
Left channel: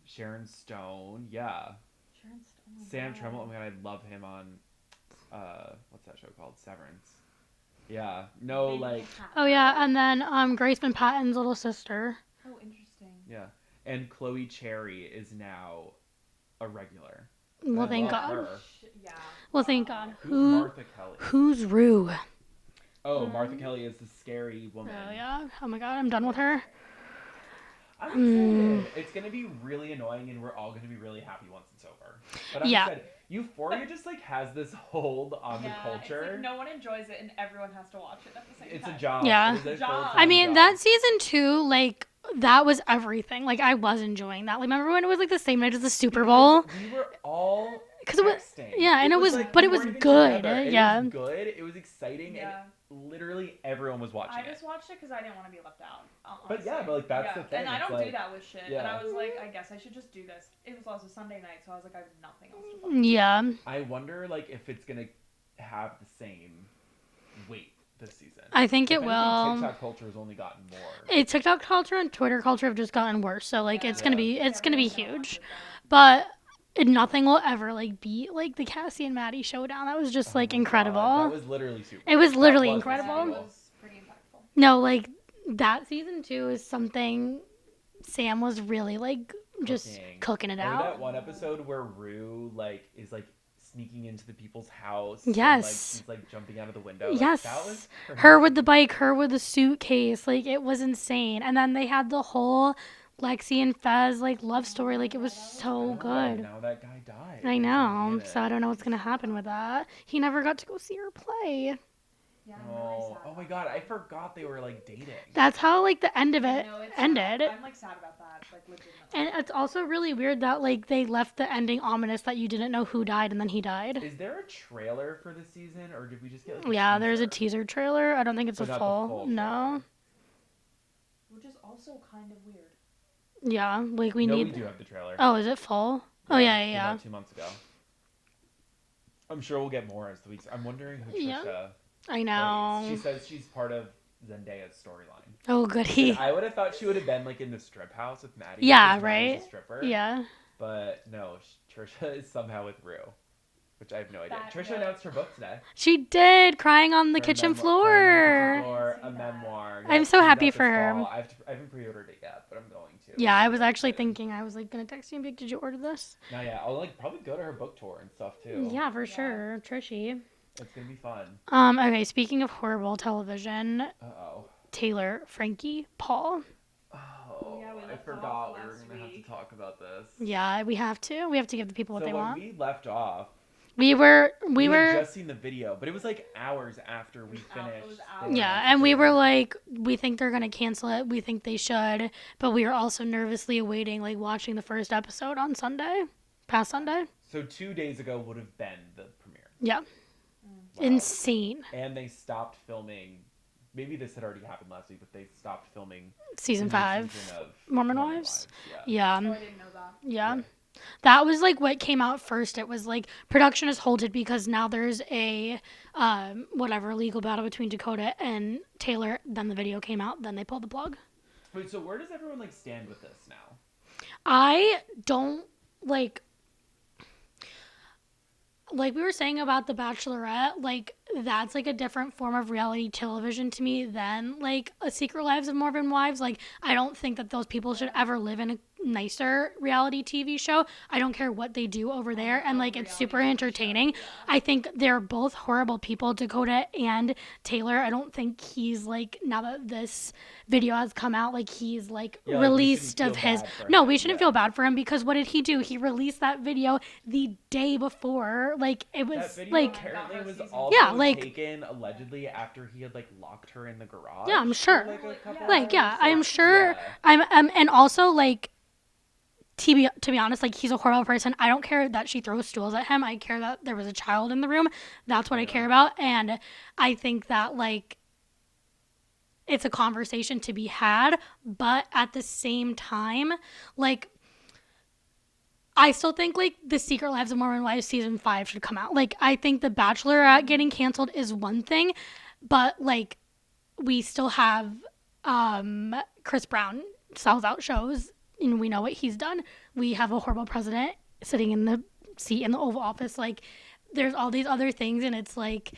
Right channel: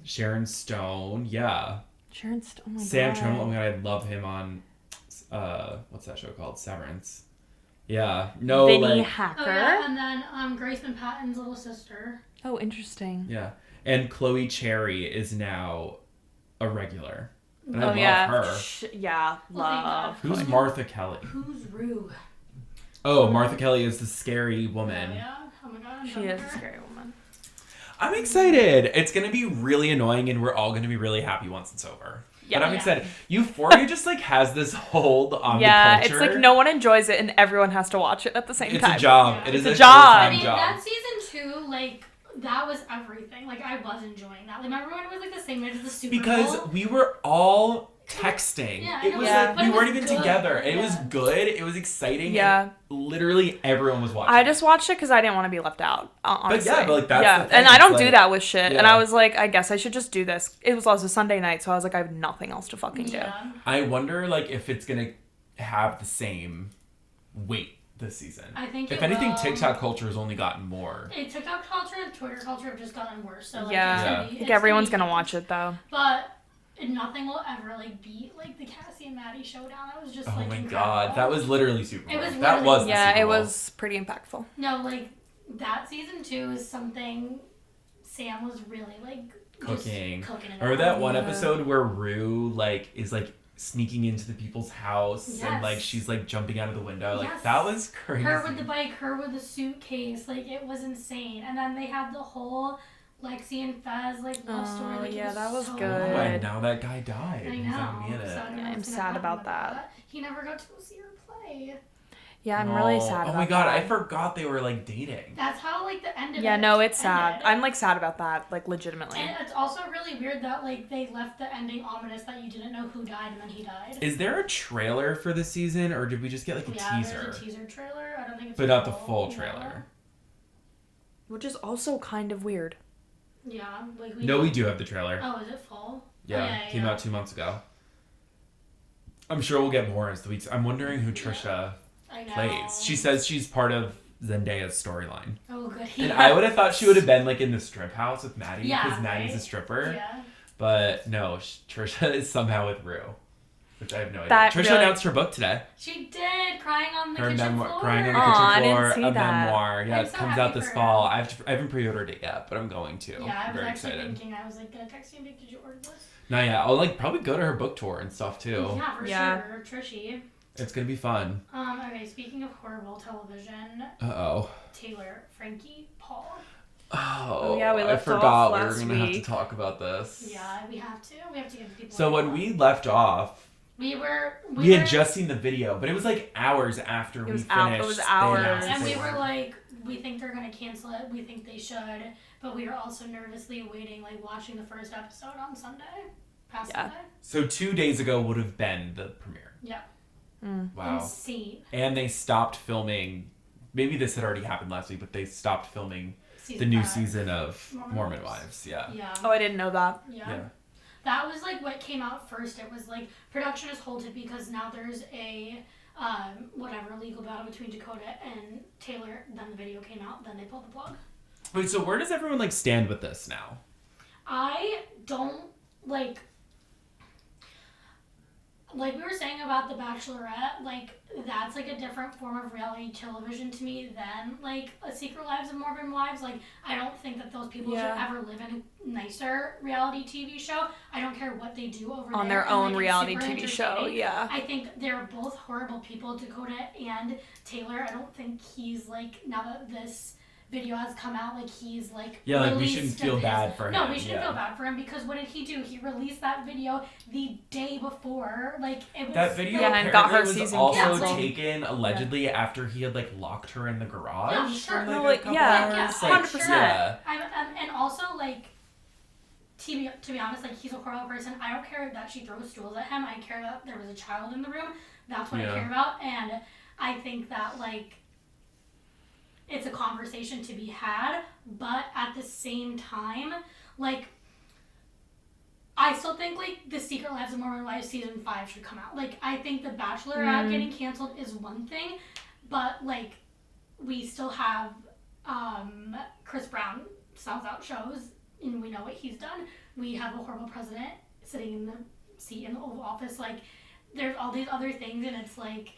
Sharon Stone, yeah. Sharon Stone. Oh my Sam God. Tremble, oh my god, I love him on what's that show called? Severance. Yeah. No, Vinny like, Hacker. Oh yeah, and then Graceman Patton's little sister. Oh, interesting. yeah. And Chloe Cherry is now a regular. And Well, I love Yeah. her. Yeah. Well, thank God. love. Who's Who- Martha Kelly? Who's Rue? Oh, Martha Kelly is the scary woman. Oh, yeah. Oh my God, I'm She done with is a her. scary woman. I'm excited. It's gonna be really annoying, and we're all gonna be really happy once it's over. Yeah. But I'm Yeah. excited. Euphoria just like has this hold on Yeah, the it's culture. like no one enjoys it, and everyone has to watch it at the same It's time. a job. Yeah. It is It's a a job. full-time I mean, job. that season 2, like, that was everything. Like, I was enjoying that. Like, remember when it was like the same night as the Super Bowl? Because we were all 'Cause it was- texting. yeah, and it was- like, but we it was weren't even good, together. It yeah. was good. It was exciting. Yeah. And literally everyone was watching. I just watched it because I didn't want to be left out. Honestly. yeah, but, like, that's yeah, the thing. and I don't It's do like- that with shit. And Yeah. I was like, I guess I should just do this. It was also Sunday night, so I was like, I have nothing else to fucking do. Yeah. I wonder like if it's gonna have the same weight this season. I think if it anything, will. TikTok culture has only gotten more. TikTok culture and Twitter culture have just gotten worse. So, like, Yeah. it's going to be. Like, It's everyone's gonna gonna be watch huge. it though. But nothing will ever, like, beat, like, the Cassie and Maddie showdown. That was just, Oh like, my incredible. God, that was literally super. It was Bowl. literally That was That's Yeah, Super it Bowl. was pretty impactful. No, like, that season 2 is something Sam was really, like, just cooking it Remember out. that one episode where Rue like is like sneaking into the people's house? Yes. And, like she's like jumping out of the window. Like, Yes. that was crazy. Her with the bike, her with the suitcase, like, it was insane. And then they had the whole Lexi and Fez, like, love story. Like, it yeah, was, that was so good. Oh, good. and now that guy died. I know. So I don't know what's I'm going to sad happen about with that. He never got to go see her play. Yeah, I'm really sad about Oh my god, that. I forgot they were like dating. That's how, like, the end of Yeah, it no, it's ended. sad. I'm like sad about that, like legitimately. And it's also really weird that, like, they left the ending ominous that you didn't know who died and then he died. Is there a trailer for the season, or did we just get like a Yeah, teaser? there's a teaser trailer. I don't think it's But a not full. the full No. trailer. Which is also kind of weird. Yeah, like we No, need... we do have the trailer. Oh, is it full? Oh, yeah, Came yeah. out 2 months ago. I'm sure we'll get more as the weeks. I'm wondering who Trisha I know. plays. She says she's part of Zenday's storyline. Oh, good. And I would have thought she would have been like in the strip house with Maddie. Yeah, because right. Maddie's a stripper. Yeah. But no, Trisha is somehow with Rue. Which I have no idea. That Trisha really... announced her book today. She did, crying on the kitchen floor. I didn't see that. Memoir. Yeah, I'm so happy for her. Fall. I haven't pre-ordered it yet, but I'm going to. Yeah, I was Very actually excited. thinking, I was like, gonna text you and be like, did you order this? Not yet. I'll like probably go to her book tour and stuff too. Yeah, for sure. Trishy. It's gonna be fun. Okay, speaking of horrible television, Uh-oh. Taylor, Frankie, Paul. Oh, yeah, we left I forgot off we were last gonna have week. to talk about this. Yeah, we have to. We have to give the people. So what they when want. we left off, we had just seen the video, but it was like hours after we finished. It was hours. Yeah, and we were like, we think they're gonna cancel it. We think they should, but we were also nervously awaiting, like, watching the first episode on Sunday, Sunday. So 2 days ago would have been the premiere. Yeah. Wow. Insane. And they stopped filming. Maybe this had already happened last week, but they stopped filming Season the new 5. season of Mormon Wives. Wives. Yeah. Yeah. Oh, I didn't know that. Yeah. Yeah. That was like what came out first. It was like production is halted because now there's a whatever legal battle between Dakota and Taylor. Then the video came out. Then they pulled the plug. Wait, so where does everyone like stand with this now? I don't like we were saying about The Bachelorette, like, that's, like, a different form of reality television to me than, like, A Secret Lives of Mormon Wives. Like, I don't think that those people should ever live in a nicer reality TV show. I don't care what they do over On there. their And, own like, reality it's super TV show, entertaining. yeah. I think they're both horrible people, Dakota and Taylor. I don't think he's, like, now that this video has come out, like, he's like released of his we shouldn't feel bad for him, because what did he do? He released that video the day before. Like, it was that video like, and got her was season also like, taken allegedly after he had like locked her in the garage. Yeah, I'm sure. For, Like, a yeah, couple hours. I'm sure. Yeah. I'm and also, like, to be honest, like, he's a horrible person. I don't care that she throws stools at him. I care that there was a child in the room. That's what I care about. And I think that, like, it's a conversation to be had, but at the same time, like, I still think, like, The Secret Lives of Mormon Wives season 5 should come out. Like, I think The Bachelorette getting canceled is one thing, but, like, we still have Chris Brown sells out shows, and we know what he's done. We have a horrible president sitting in the seat in the Oval Office. Like, there's all these other things, and it's like,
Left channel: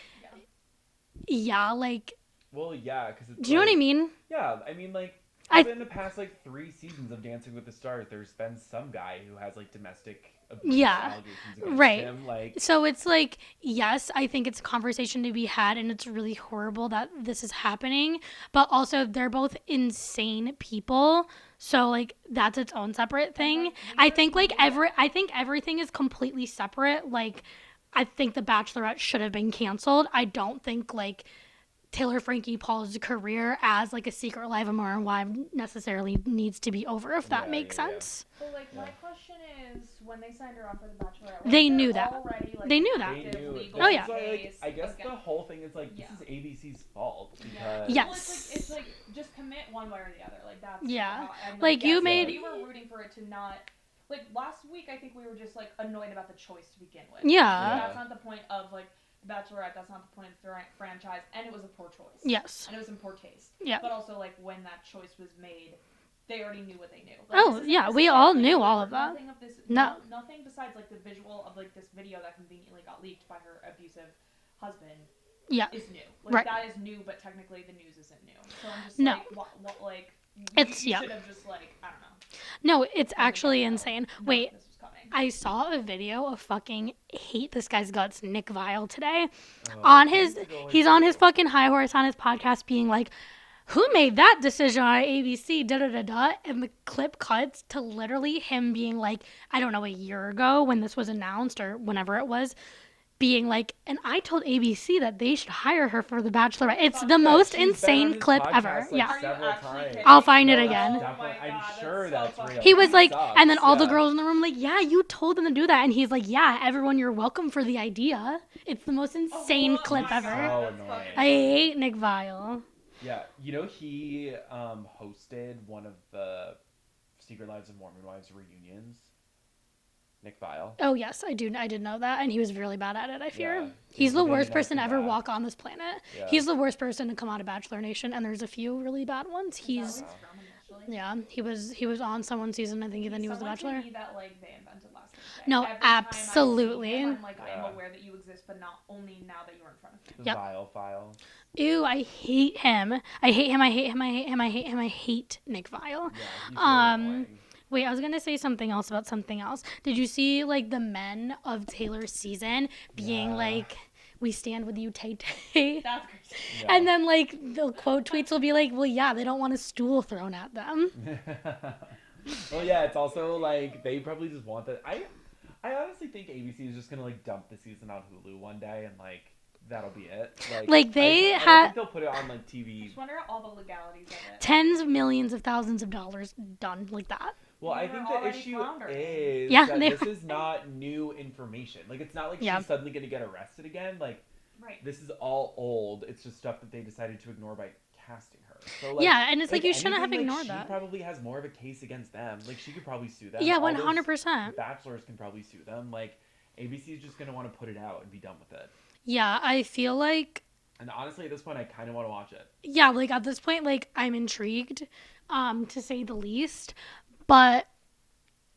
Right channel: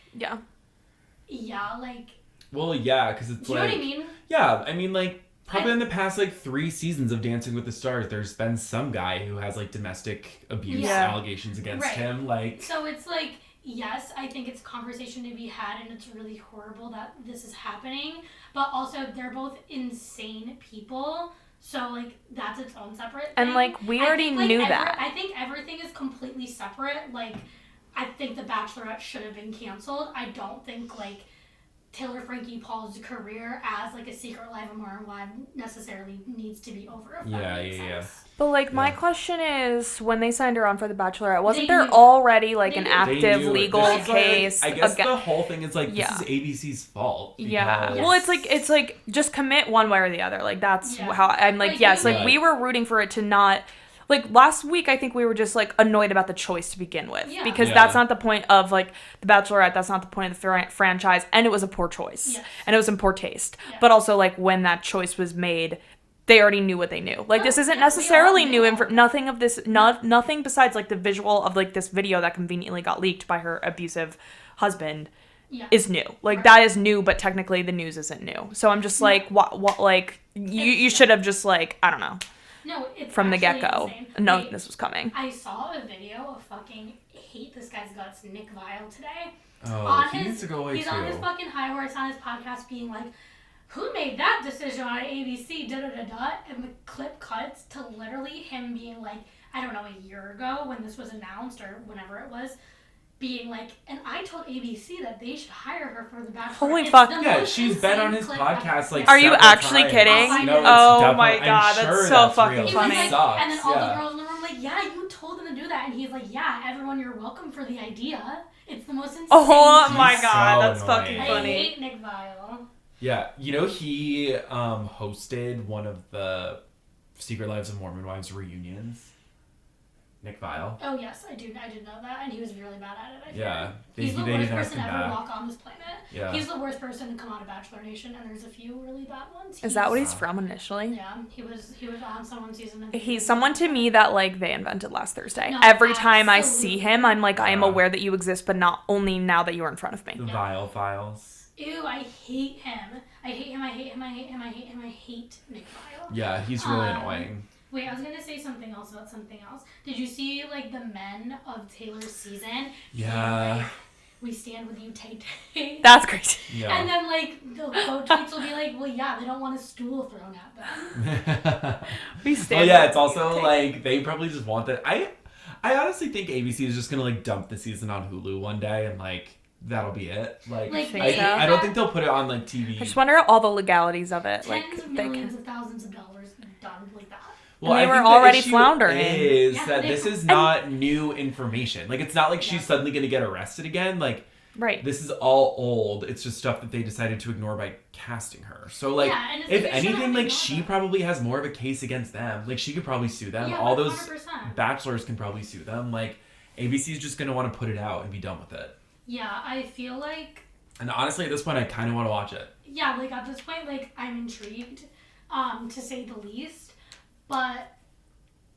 like, well, yeah, because it's. Do you know what I mean? Yeah, I mean, like, probably in the past, like, 3 seasons of Dancing with the Stars, there's been some guy who has, like, domestic abuse allegations against him. Like, so it's like, yes, I think it's a conversation to be had, and it's really horrible that this is happening. But also, they're both insane people. So, like, that's its own separate thing. And, like, we already knew that. I think everything is completely separate. Like, I think The Bachelorette should have been canceled. I don't think, like, Taylor Frankie Paul's career as, like, a Secret Life of Mormon Wife necessarily needs to be over, if that makes sense. But, like, my question is, when they signed her on for The Bachelorette, wasn't They there knew that. already, like, They an knew. active They knew legal this is, case? Like, I guess the whole thing is, like, this is ABC's fault. Yeah. because- Well, it's like, just commit one way or the other. Like, that's how, I'm like, Like, yes, you like, may- we were rooting for it to not, like, last week, I think we were just, like, annoyed about the choice to begin with. Yeah. Because that's not the point of, like, The Bachelorette. That's not the point of the franchise. And it was a poor choice. Yes. And it was in poor taste. Yeah. But also, like, when that choice was made, they already knew what they knew. Like, this isn't we all necessarily knew new. all of that. Nothing of this, nothing besides, like, the visual of, like, this video that conveniently got leaked by her abusive husband is new. Like, that is new, but technically the news isn't new. So I'm just like, what, like, you should have just, like, I don't know. No, it's From the actually get-go. insane. No, Wait, this was coming. I saw a video of fucking hate this guy's guts, Nick Viall, today. He's on his fucking high horse on his podcast being like, who made that decision on ABC, da-da-da-da, and the clip cuts to literally him being like, I don't know, a year ago when this was announced or whenever it was, being like, and I told ABC that they should hire her for The Bachelorette. Holy It's fuck. the Yeah, most she's been on insane his clip podcast, ever. like, Are you several actually times. kidding? I'll find it again. Oh my definitely. god, I'm that's sure so that's fucking real. He was funny. like, Sucks, and then all the yeah. girls in the room like, yeah, you told them to do that. And he's like, yeah, everyone, you're welcome for the idea. It's the most insane Oh clip. my god, So that's fucking annoying. I funny. hate Nick Viall. Yeah, you know, he hosted one of the Secret Lives of Mormon Wives reunions. Nick Viall. Oh yes, I did know that, and he was really bad at it. I fear. Yeah. He's the worst person to ever walk on this planet. Yeah. He's the worst person to come out of Bachelor Nation, and there's a few really bad ones. Is that what he's from initially? Yeah, he was on someone's season. I think he's someone to me that like they invented last Thursday. No, every time I see absolutely. him, I'm like, I am aware that you exist, but not only now that you are in front of me. The Viall Files. Ew, I hate him. I hate him. I hate him. I hate him. I hate him. I hate Nick Viall. Yeah, he's really annoying. Wait, I was gonna say something else about something else. Did you see like the men of Taylor's season being like, "We stand with you, Tay Tay"? That's crazy. Yeah. And then like the quote tweets will be like, "Well, yeah, they don't want a stool thrown at them." We stand. Oh yeah, it's also like they probably just want that. I honestly think ABC is just gonna like dump the season on Hulu one day and like that'll be it. Like they I don't think they'll put it on like TV. I just wonder all the legalities of it. Tens of millions of thousands of dollars done like that. Well, and they I were think already the issue floundering. Is Yeah, that this is not new information. Like it's not like she's suddenly gonna get arrested again. Like right. This is all old. It's just stuff that they decided to ignore by casting her. So like, yeah, and it's like, if you shouldn't have anything, like ignored she that. probably has more of a case against them. Like she could probably sue them. Yeah, all 100%. those bachelors can probably sue them. Like ABC is just gonna want to put it out and be done with it. Yeah, I feel like. And honestly, at this point, I kind of want to watch it. Yeah, like at this point, like I'm intrigued, to say the least, but.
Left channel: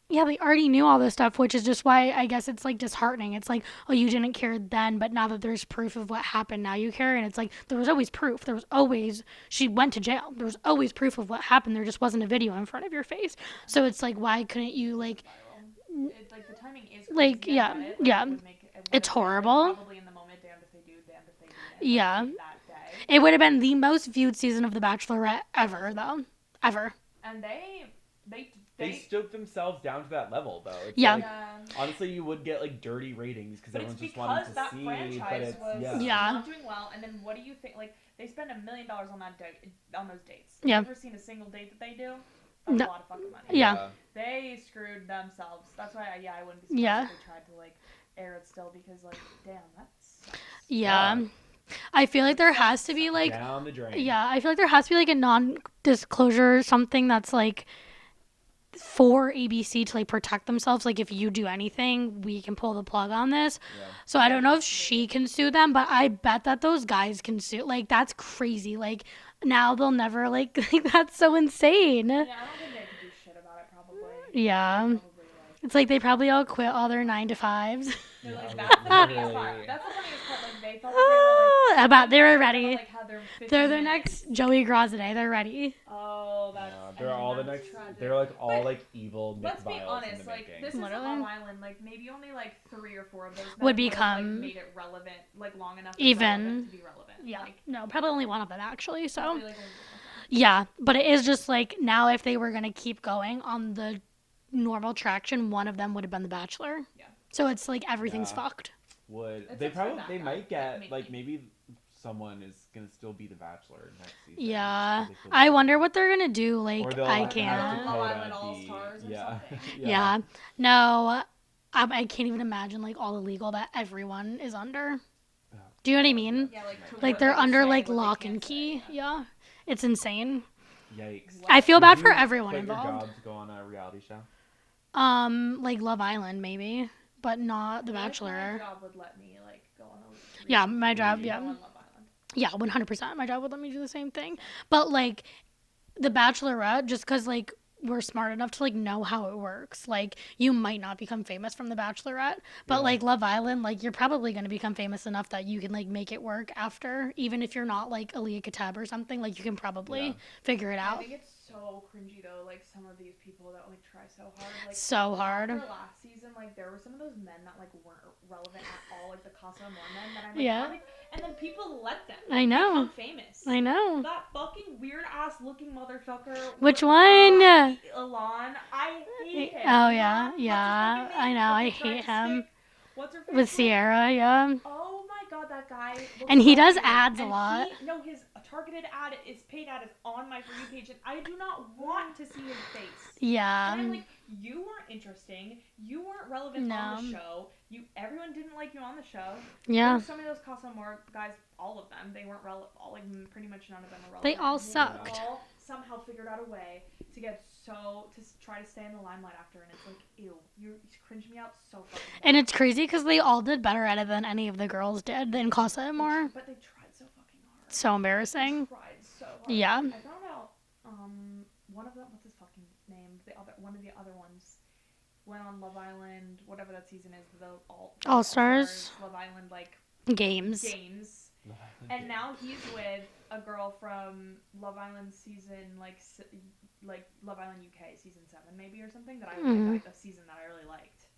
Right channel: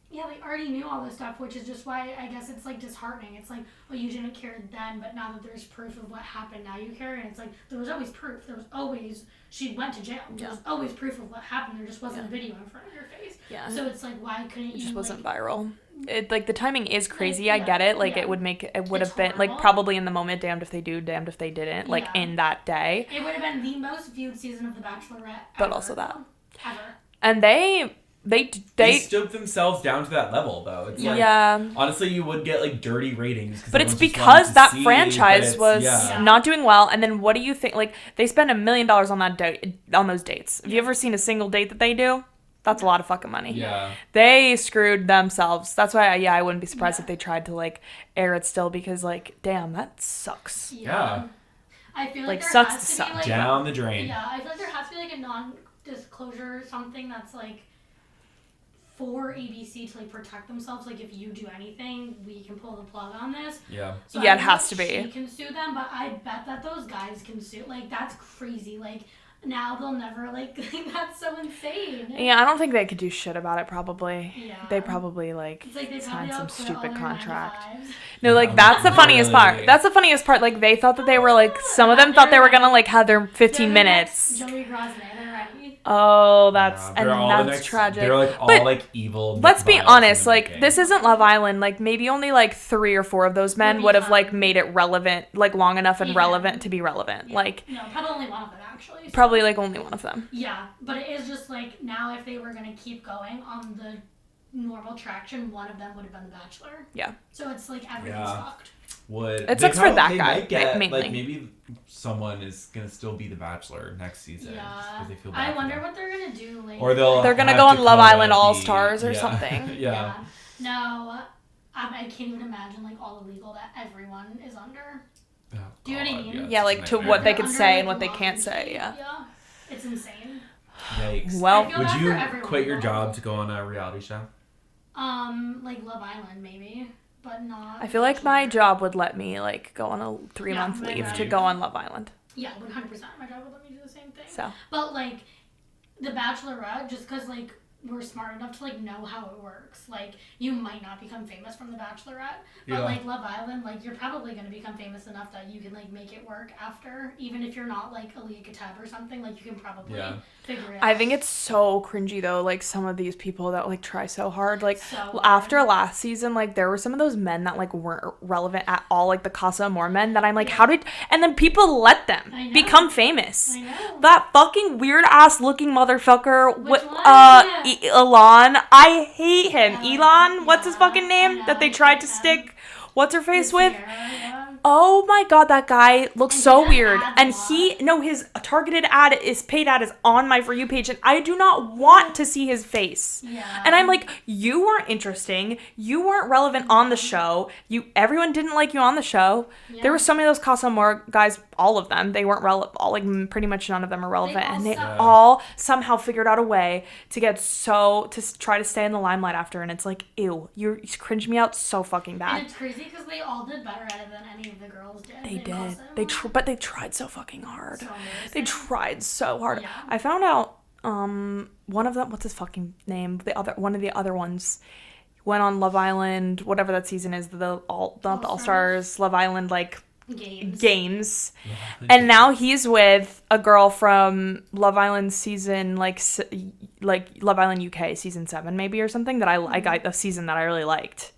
Yeah, they already knew all this stuff, which is just why I guess it's like disheartening. It's like, oh, you didn't care then, but now that there's proof of what happened, now you care. And it's like, there was always proof. There was always, she went to jail. There's always proof of what happened. There just wasn't a video in front of your face. Yeah. So it's like, why couldn't you, it just wasn't viral. It, like the timing is Like, crazy. I get it. Like it would It's have been horrible. like probably in the moment, damned if they do, damned if they didn't. Like in that day. It would have been the most viewed season of The Bachelorette ever. But also that. Ever. And they stooped themselves down to that level, though. It's honestly, you would get like dirty ratings. But it's because that franchise was not doing well. And then what do you think? Like they spend $1 million on on those dates. Have you ever seen a single date that they do? That's a lot of fucking money. Yeah. They screwed themselves. That's why I wouldn't be surprised if they tried to like air it still because like damn that sucks. Yeah. I feel like there has to be like down the drain. Yeah, I feel like there has to be like a non-disclosure something that's like for ABC to like protect themselves. Like if you do anything, we can pull the plug on this. Yeah. So I don't know if she can sue them, but I bet that those guys can sue. Like that's crazy. Like now they'll never like that's so insane. Yeah, I don't think they could do shit about it probably. Yeah. They probably like it's like they probably all quit all their 9-to-5s. No, like that's the funniest part. That's the funniest part. Like they thought that they were like some of them thought they were gonna like have their 15 minutes. Joey Grosvenay, they're ready. Oh, that's tragic. They're like all like evil. Let's be honest, like this isn't Love Island. Like maybe only like 3 or 4 of those men would have like made it relevant, like long enough and relevant to be relevant. Yeah. Like no, probably only one of them actually. So. Probably like only one of them. Yeah, but it is just like now if they were gonna keep going on the normal traction, one of them would have been The Bachelor. Yeah. So it's like everything's fucked. It sucks for that guy. Mainly. Like maybe someone is gonna still be The Bachelor next season. Yeah. I wonder what they're gonna do. Like, or they're gonna go on Love Island All Stars or something. Yeah. No, I can't even imagine like all the legal that everyone is under. Oh, do you know what I mean? Yeah, like to what they can say and what they can't say. Yeah. It's insane. Yikes. Well, I feel bad for everyone. Quit your job to go on a reality show? Like Love Island maybe, but not. I feel like my job would let me like go on a 3-month leave to go on Love Island. Yeah, 100%. My job would let me do the same thing. So. But like, The Bachelorette, just because like we're smart enough to like know how it works. Like you might not become famous from The Bachelorette, but like Love Island, like you're probably going to become famous enough that you can like make it work after, even if you're not like Aaliyah Katab or something. Like you can probably figure it out. I think it's so cringy though. Like some of these people that like try so hard. Like so hard. After last season, like there were some of those men that like weren't relevant at all. Like the Casa Amor men that I'm like, how did? And then people let them become famous. I know. That fucking weird ass looking motherfucker. Which one? Elon. I hate him. Oh, Elon. What's his fucking name? That they tried to stick. What's her face with? Sierra, yeah. Oh my god, that guy looks so weird. And his targeted ad is paid ad is on my For You page, and I do not want to see his face. Yeah. And I'm like, you weren't interesting. You weren't relevant on the show. Everyone didn't like you on the show. Yeah. There were so many of those Casa Amor guys all of them. They weren't relevant. Like pretty much none of them are relevant, and they sucked. all somehow figured out a way to try to stay in the limelight after. And it's like, ew, you cringe me out so fucking bad. And it's crazy because they all did better at it than any of the girls did in Casa Amor. But they tried so fucking hard. So embarrassing. They tried so hard. Yeah. I found out one of them, what's his fucking name? One of the other ones went on Love Island, whatever that season is, the All-Stars, Love Island, like, games. Yeah, and now he's with a girl from Love Island season, like Love Island UK season 7 maybe or something, that I got a season that I really liked.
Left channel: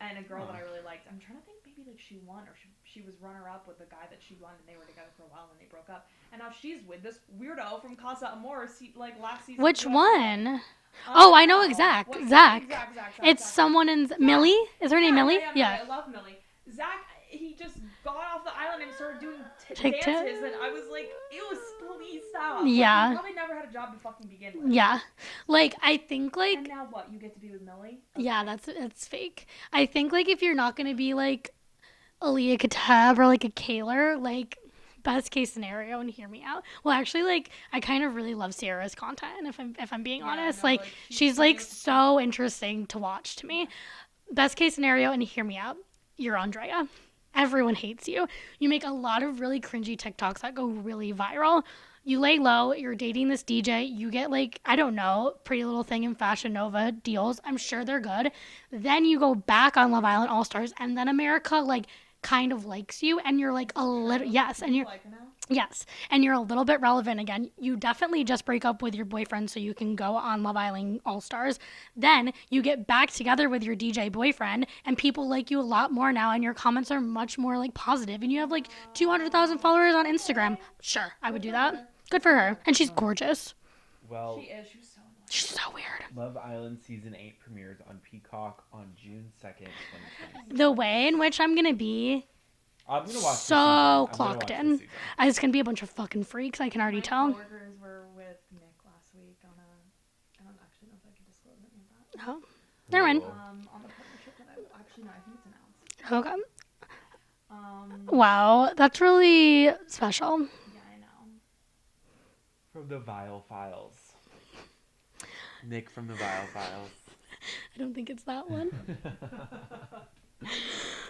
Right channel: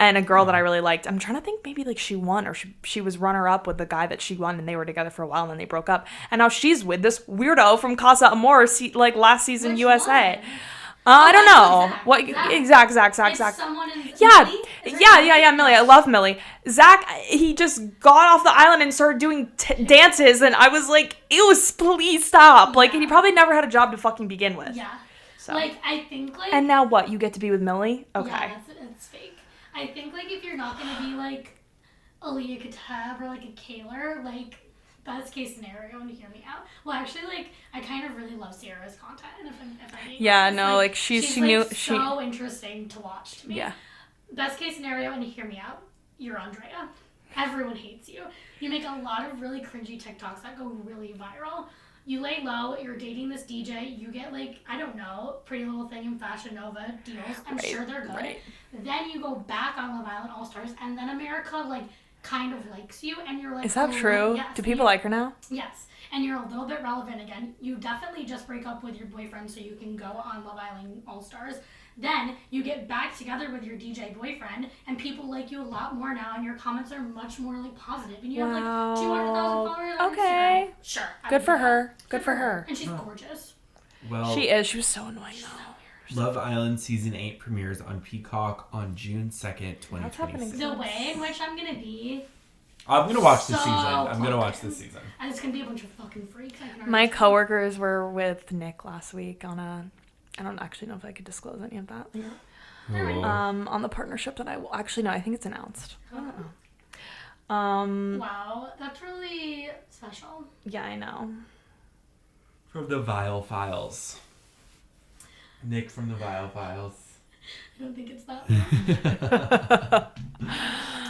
And a girl that I really liked. I'm trying to think, maybe like she won, or she was runner-up with the guy that she won, and they were together for a while, and then they broke up. And now she's with this weirdo from Casa Amor, like last season. Which USA. One? I don't know. Zach. What? Zach. Zach. It's someone in Millie? Yeah, Millie. I love Millie. Zach, he just got off the island and started doing dances, and I was like, ew, please stop. Yeah. Like, he probably never had a job to fucking begin with. Yeah. So. Like, I think, like... And now what? You get to be with Millie? Okay. Yeah, that's fake. I think, like, if you're not going to be, like, Aaliyah Katab or, like, a Kaylor, like... Best case scenario, and hear me out. Well, actually, like, I kind of really love Sierra's content, if I'm being honest. Yeah, no, like she's so interesting to watch to me. Yeah. Best case scenario, and hear me out. You're Andrea. Everyone hates you. You make a lot of really cringy TikToks that go really viral. You lay low. You're dating this DJ. You get, like, I don't know, Pretty Little Thing and Fashion Nova deals. I'm sure they're good. Right. Then you go back on Love Island All Stars, and then America, like, kind of likes you, and you're like, is that true? Yes. Do people like her now? Yes. And you're a little bit relevant again. You definitely just break up with your boyfriend so you can go on Love Island All Stars. Then you get back together with your DJ boyfriend, and people like you a lot more now, and your comments are much more, like, positive, and you have like 200,000 followers on Instagram. Sure. Good for her. Good for her. And she's gorgeous. Well, she is. She was so annoying. She's so weird. Love Island Season 8 premieres on Peacock on June 2nd, 2026. The way in which I'm going to be... I'm going to watch this season. I'm going to watch this season. It's going to be a bunch of fucking freaks. I can already My tell. coworkers were with Nick last week on a... I don't actually know if I could disclose any of that. They're in. On the partnership that actually, no, I think it's announced. Okay. Wow. That's really special. Yeah, I know. From the Vile Files. Nick from the Vile Files. I don't think it's that one.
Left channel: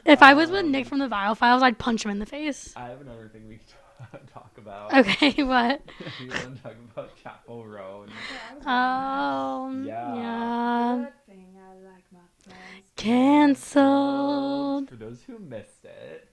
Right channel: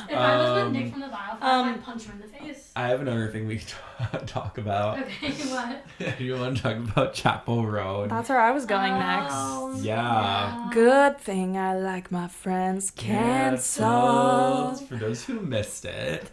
If I was with Nick from the Vile Files, I'd punch him in the face. I have another thing we could talk about. Okay, what? You want to talk about Chappell Road? That's where I was going next. Yeah. Good thing I like my friends canceled. For those who missed it,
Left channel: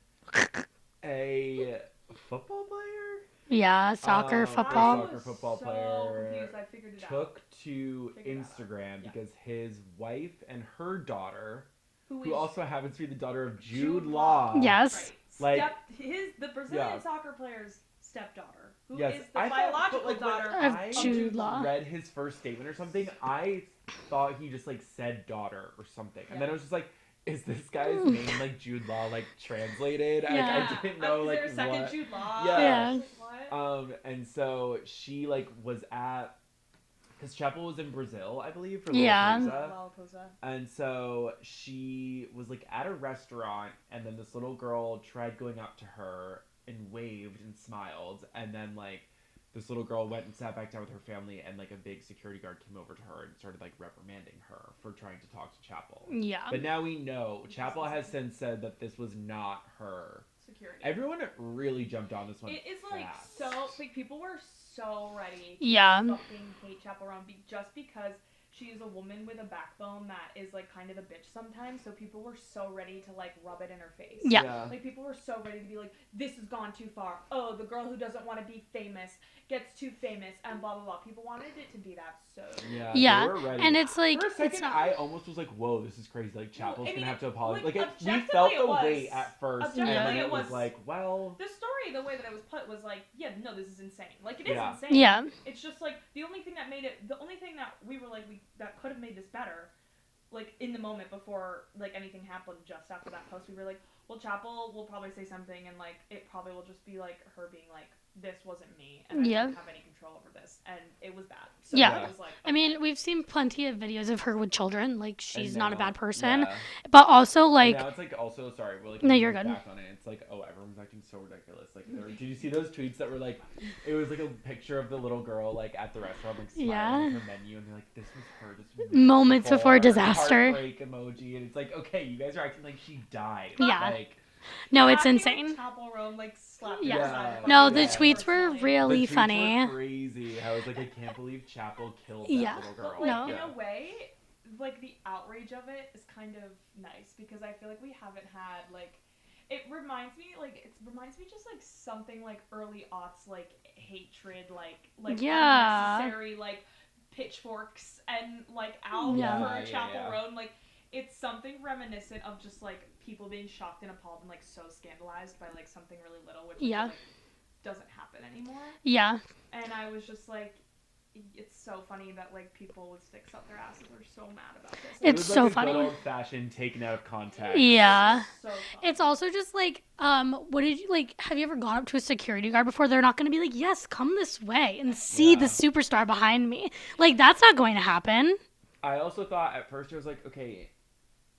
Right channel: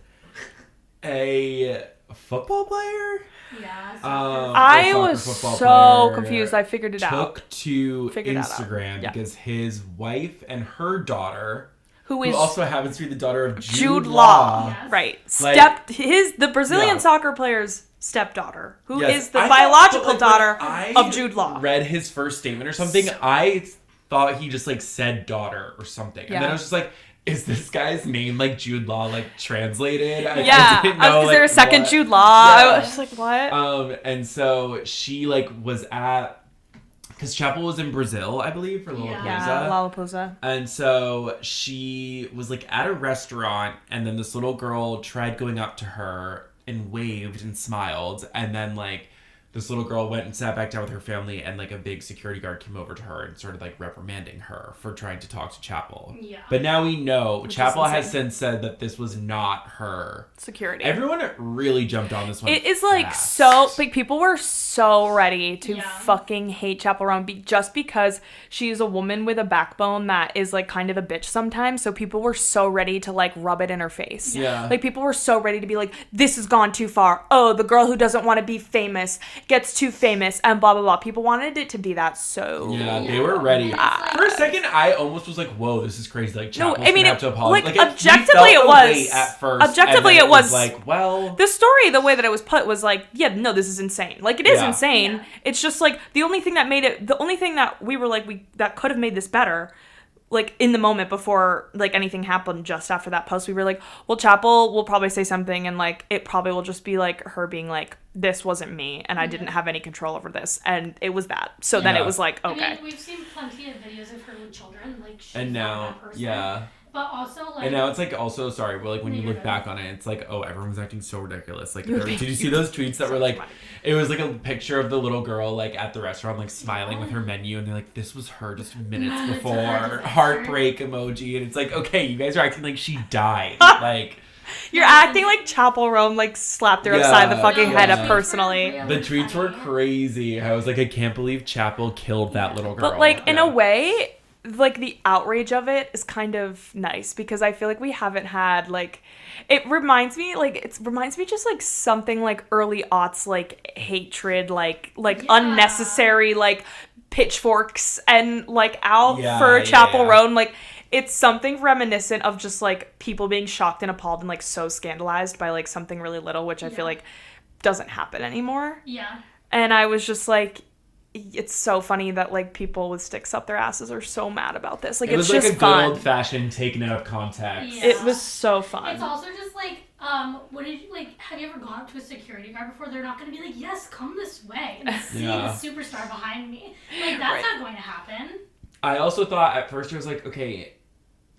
a football player? Yeah, soccer. I was so confused. I figured it out. Took to Instagram because his wife and her daughter, who also happens to be the daughter of Jude Law. Yes. Right. The Brazilian soccer player's stepdaughter, who is the biological daughter of Jude Law. Read his first statement or something. I thought he just like said daughter or something. And then I was just like, is this guy's name like Jude Law like translated? I didn't know, is there a second Jude Law? Yeah. I was just like, what? And so she like was at, because Chappell was in Brazil, I believe, for Lollapalooza. And so she was like at a restaurant, and then this little girl tried going up to her and waved and smiled, and then like this little girl went and sat back down with her family, and like a big security guard came over to her and started like reprimanding her for trying to talk to Chappell. Yeah. But now we know Chappell has since said that this was not her security. Everyone really jumped on this one. It is like so like people were so ready to fucking hate Chappell Roan just because she's a woman with a backbone that is like kind of a bitch sometimes. So people were so ready to like rub it in her face. Yeah. Like people were so ready to be like, this has gone too far. Oh, the girl who doesn't want to be famous gets too famous and blah blah blah. People wanted it to be that so they were ready. And it's like, for a second I almost was like, whoa, this is crazy. Like Chappell's gonna have to apologize. Like objectively it was at first. Objectively it was like, well, the story, the way that it was put was like, yeah, no, this is insane. Like it is insane. Yeah. It's just like the only thing that we were like that could have made this better, like in the moment before like anything happened, just after that post, we were like, well, Chappell will probably say something and like it probably will just be like her being like this wasn't me, and I didn't have any control over this, and it was that. So then it was like, okay. I mean, we've seen plenty of videos of her with children. Like, she's now, not a bad person. But also, like... And now it's like, also, sorry, but like, when you look back on it, it's like, oh, everyone's acting so ridiculous. Like, did you see those tweets that were like, it was like a picture of the little girl, like, at the restaurant, like, smiling with her menu, and they're like, this was her just moments before disaster. Heartbreak emoji, and it's like, okay, you guys are acting like she died. Like... You're acting like Chappell Rome like slapped her upside the fucking head up personally. Really the tweets funny. were crazy. I was like, I can't believe Chappell killed that little girl. But like in a way, like the outrage of it is kind of nice because I feel like we haven't had like it reminds me just like something like early aughts like hatred like unnecessary like pitchforks and like out for Chappell Roan like. It's something reminiscent of just, like, people being shocked and appalled and, like, so scandalized by, like, something really little, which I feel like doesn't happen anymore. Yeah. And I was just, like, it's so funny that, like, people with sticks up their asses are so mad about this. Like, it was just like a fun. good old-fashioned taken out of context. Yeah. It was so fun. It's also just, like, what did you, like, have you ever gone up to a security guard before? They're not going to be like, yes, come this way and see the superstar behind me. Like, that's not going to happen. I also thought, at first, I was like, okay...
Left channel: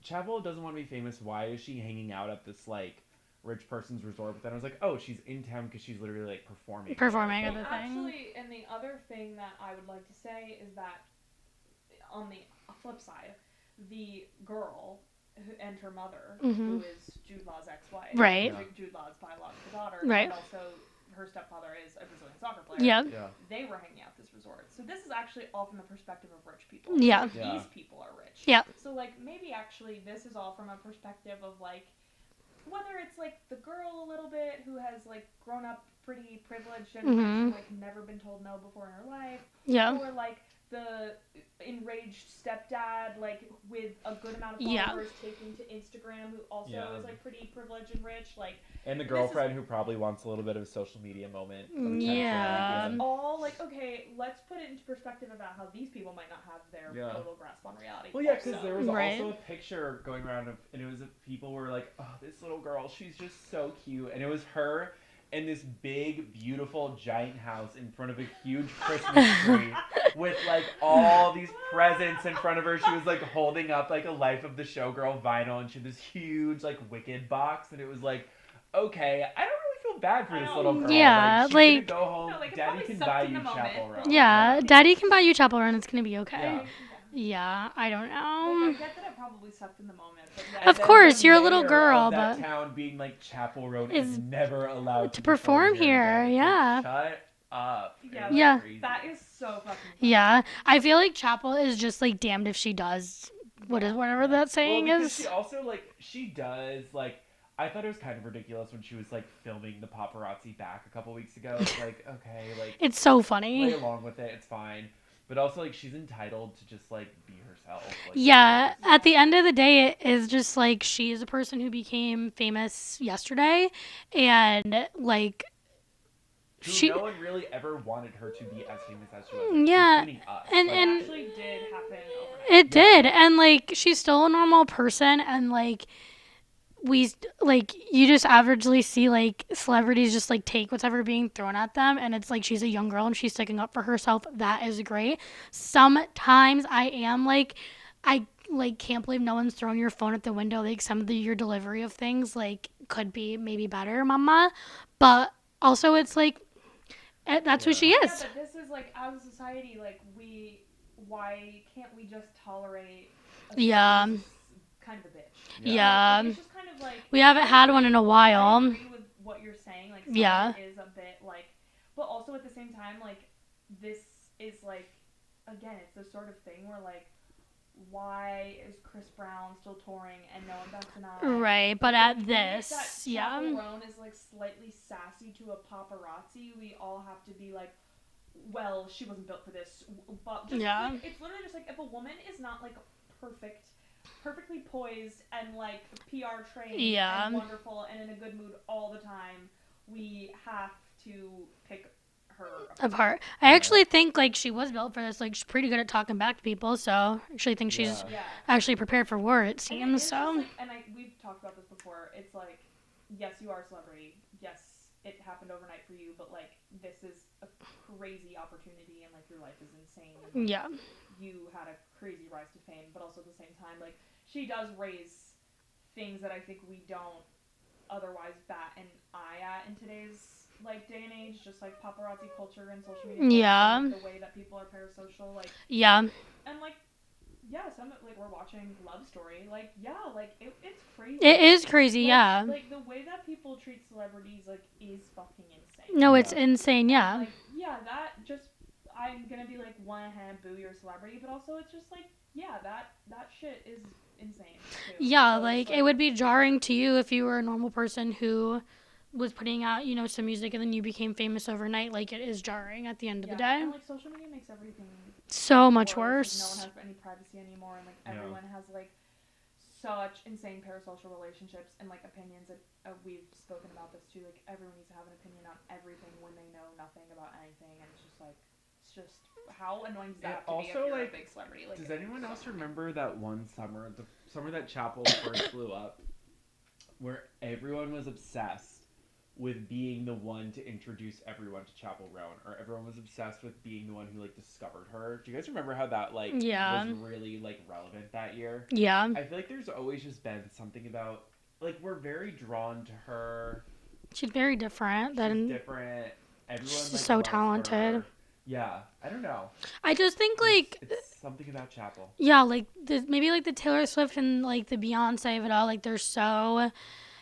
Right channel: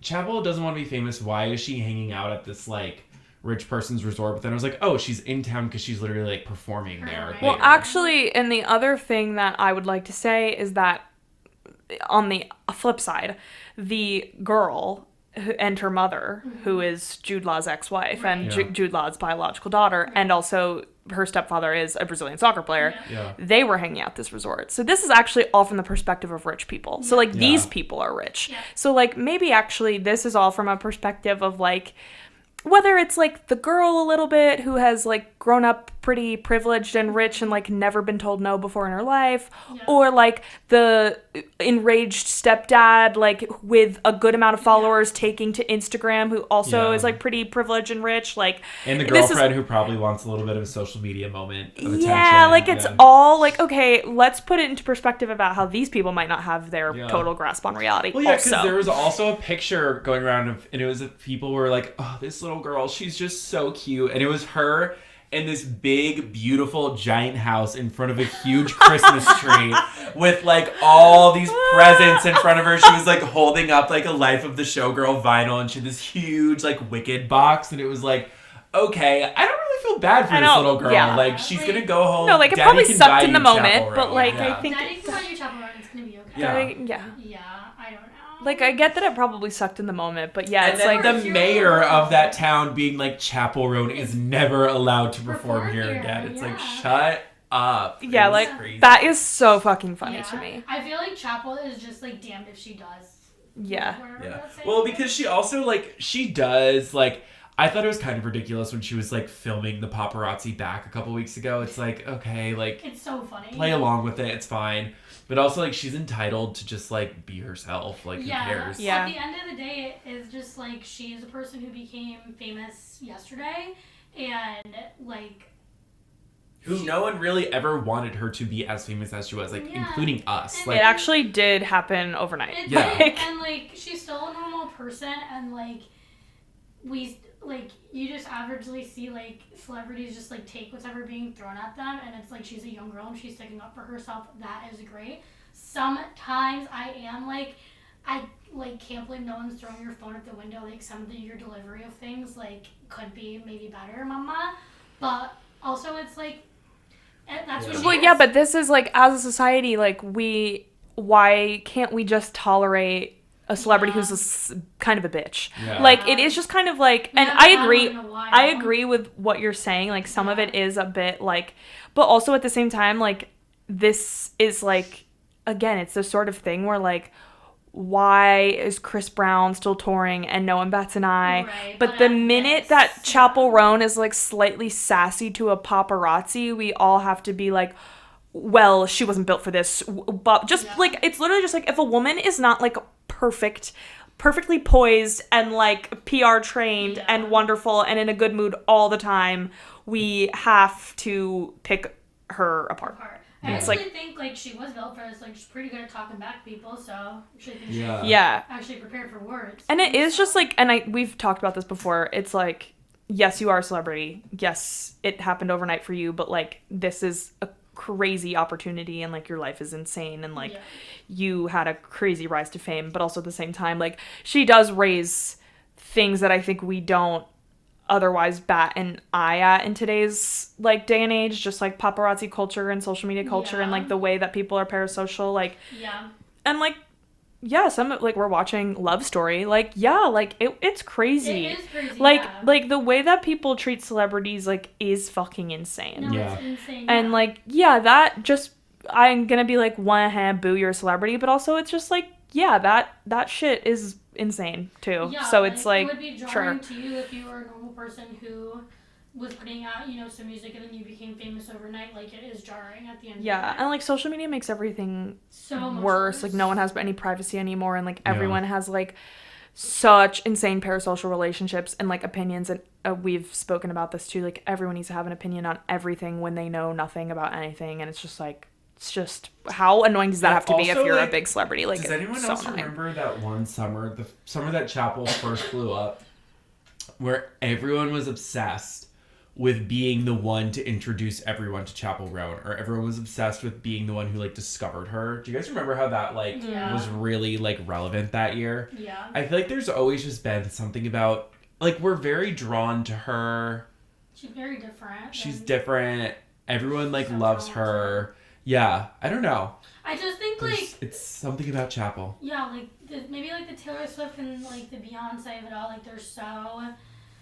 Chappell doesn't want to be famous. Why is she hanging out at this, like, rich person's resort? But then I was like, oh, she's in town because she's literally, like, performing there. Well, actually, and the other thing that I would like to say is that on the flip side, the girl and her mother, who is Jude Law's ex-wife, and Jude Law's biological daughter, and also her stepfather is a Brazilian soccer player, they were hanging out at this resort. So this is actually all from the perspective of rich people. So, like, these people are rich. So, like, maybe actually this is all from a perspective of, like, whether it's, like, the girl a little bit who has, like, grown up pretty privileged and rich and, like, never been told no before in her life, or, like, the enraged stepdad, like, with a good amount of followers taking to Instagram who also is, like, pretty privileged and rich, like... And the girlfriend who probably wants a little bit of a social media moment of attention. Yeah, like, it's all, like, okay, let's put it into perspective about how these people might not have their total grasp on reality. Well, yeah, because there was also a picture going around, and it was people were like, oh, this little girl, she's just so cute. And it was her in this big, beautiful, giant house in front of a huge Christmas tree with, like, all these presents in front of her. She was, like, holding up, like, a Life of the Showgirl vinyl, and she had this huge, like, Wicked box, and it was like, okay, I don't really feel bad for this little girl. Yeah, like, she's gonna go home. No, like, it probably sucked in the moment, but, like... Daddy can buy you Chappell Run, it's gonna be okay. Yeah, I don't know. Like, I get that it probably sucked in the moment, but of course, like, you're a little girl. The mayor of that town being like, Chappell Roan is never allowed to perform here again. It's like, shut up. Yeah, like, that is so fucking funny to me. I feel like Chappell is just, like, damned if she does. Whatever that saying is. Well, because she also, like, she does, like... I thought it was kind of ridiculous when she was, like, filming the paparazzi back a couple weeks ago. It's like, okay, like... It's so funny. Play along with it. It's fine. But also, like, she's entitled to just, like, be herself. Like, at the end of the day, it is just, like, she's a person who became famous yesterday. And, like... no one really ever wanted her to be as famous as she was, like, including us. And like, it actually did happen overnight. It did. And, like, she's still a normal person. And, like... you just averagely see, like, celebrities just, like, take whatever being thrown at them, and it's, like, she's a young girl and she's sticking up for herself. That is great. Sometimes I am, like, I, like, can't believe no one's throwing your phone at the window. Like, some of your delivery of things, like, could be maybe better, mama. But also it's, like, that's who she is. Yeah, but this is, like, as a society, like, why can't we just tolerate a celebrity who's kind of a bitch? Like, it is just kind of like, and I agree in a while. I agree with what you're saying. Like, some of it is a bit like, but also at the same time, like, this is like, again, it's the sort of thing where, like, why is Chris Brown still touring and no one bats an eye? Right, but the minute that Chappell Roan is, like, slightly sassy to a paparazzi, we all have to be like, well, she wasn't built for this. But just like, it's literally just like, if a woman is not, like, perfectly poised and, like, PR trained and wonderful and in a good mood all the time, we have to pick her apart. I actually think, like, she was built for this. Like, she's pretty good at talking back to people, so I actually think she's actually prepared for war. And it is just like, and we've talked about this before, it's like, yes, you are a celebrity. Yes, it happened overnight for you, but, like, this is a crazy opportunity, and, like, your life is insane, and, like, you had a crazy rise to fame, but also at the same time, like, she does raise things that I think we don't otherwise bat an eye at in today's, like, day and age, just, like, paparazzi culture and social media culture and, like, the way that people are parasocial, like, and, like, some, like, we're watching Love Story, like, like, it's crazy. It is crazy, like, like, the way that people treat celebrities, like, is fucking insane. No, it's insane, And, like, that just, I'm gonna be like, boo, you're a celebrity, but also it's just, like, that shit is insane, too. Yeah, so like, it's, like, it would be jarring to you if you were a normal person who was putting out, you know, some music and then you became famous overnight. Like, it is jarring at the end of the day. And, like, social media makes everything so much worse. Like, no one has any privacy anymore, and, like, everyone has, like, such insane parasocial relationships and, like, opinions, and we've spoken about this too, like, everyone needs to have an opinion on everything when they know nothing about anything, and it's just, like, how annoying does that have to be if you're, like, a big celebrity? Like, does anyone else remember that one summer, the summer that Chappell first blew up, where everyone was obsessed with being the one to introduce everyone to Chappell Roan, or everyone was obsessed with being the one who, like, discovered her? Do you guys remember how that, like, was really, like, relevant that year? Yeah. I feel like there's always just been something about, like, we're very drawn to her. She's very different. She's different. Everyone, like, so loves talented. her. Yeah, I don't know. I just think, like, it's something about Chappell. Yeah, like, maybe, like, the Taylor Swift and, like, the Beyonce of it all, like, they're so,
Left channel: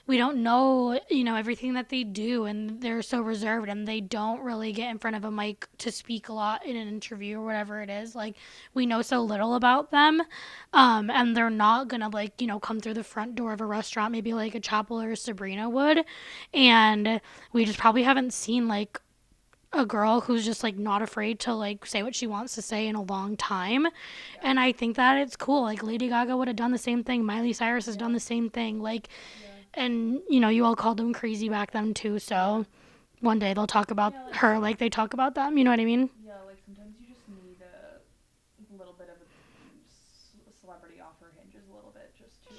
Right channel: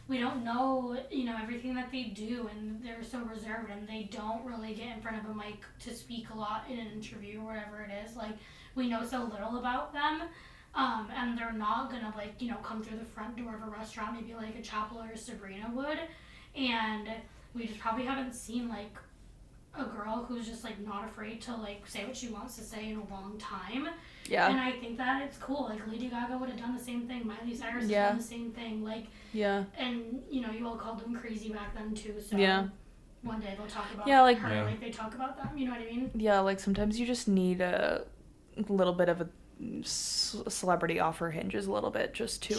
we don't know, you know, everything that they do, and they're so reserved, and they don't really get in front of a mic to speak a lot in an interview or whatever it is. Like, we know so little about them, and they're not gonna, like, you know, come through the front door of a restaurant, maybe like a Chappell or a Sabrina would, and we just probably haven't seen, like, a girl who's just, like, not afraid to, like, say what she wants to say in a long time. And I think that it's cool. Like, Lady Gaga would have done the same thing. Miley Cyrus has done the same thing. Like, and, you know, you all called them crazy back then too, so one day they'll talk about her like they talk about them, you know what I mean? Yeah, like, sometimes you just need a little bit of a celebrity off her hinges a little bit, just to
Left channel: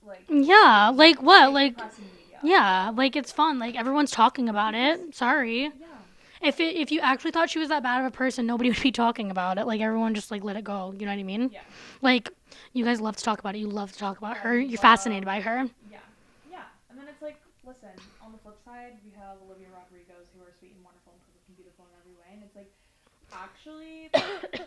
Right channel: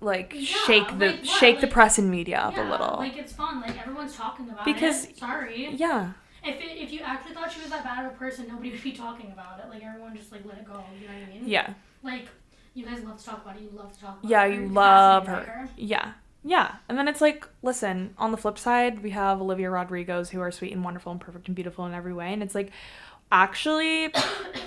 like, shake the press and media up a little. Like, it's fun. Like, everyone's talking about it. Sorry. Yeah. If you actually thought she was that bad of a person, nobody would be talking about it. Like, everyone just, like, let it go. You know what I mean? Yeah. Like, you guys love to talk about it. You love to talk about her. You're fascinated by her. Yeah. Yeah. And then it's like, listen, on the flip side, we have Olivia Rodrigo's, who are sweet and wonderful and perfect and beautiful in every way. And it's like, actually,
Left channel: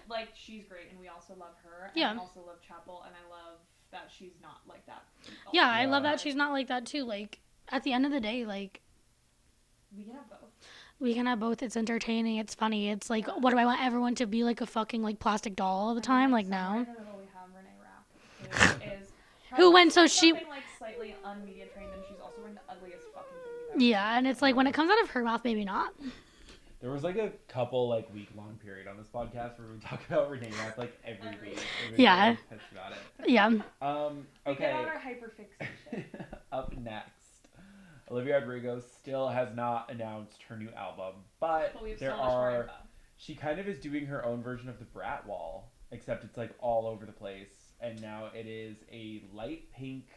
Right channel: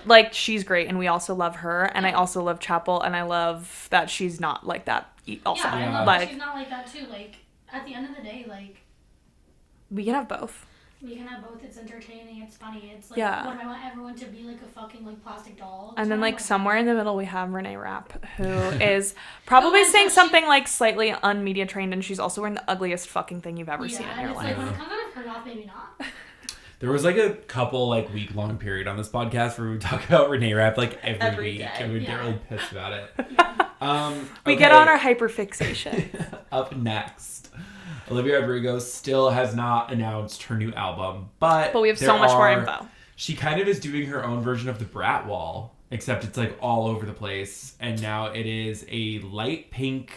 like, she's great, and we also love her, and I also love Chappell, and I love that she's not like that also. I love that she's not like that too. Like, at the end of the day, like, we can have both. It's entertaining, it's funny, it's like, what do I want everyone to be, like, a fucking, like, plastic doll all the time? And then, like, somewhere in the middle we have Renee Rapp, who is probably saying something like slightly unmedia trained, and she's also wearing the ugliest fucking thing you've ever seen in your life. Yeah, and it's like, when it comes out of her mouth, maybe not. There was, like, a couple, like, week-long period on this podcast where we would talk about Renee Rapp, like, every week. And we'd get pissed about it. Yeah. We get on our hyperfixation. Up next, Olivia Rodrigo still has not announced her new album, but we have so much more info. She kind of is doing her own version of the Brat Wall, except it's, like, all over the place, and now it is a light pink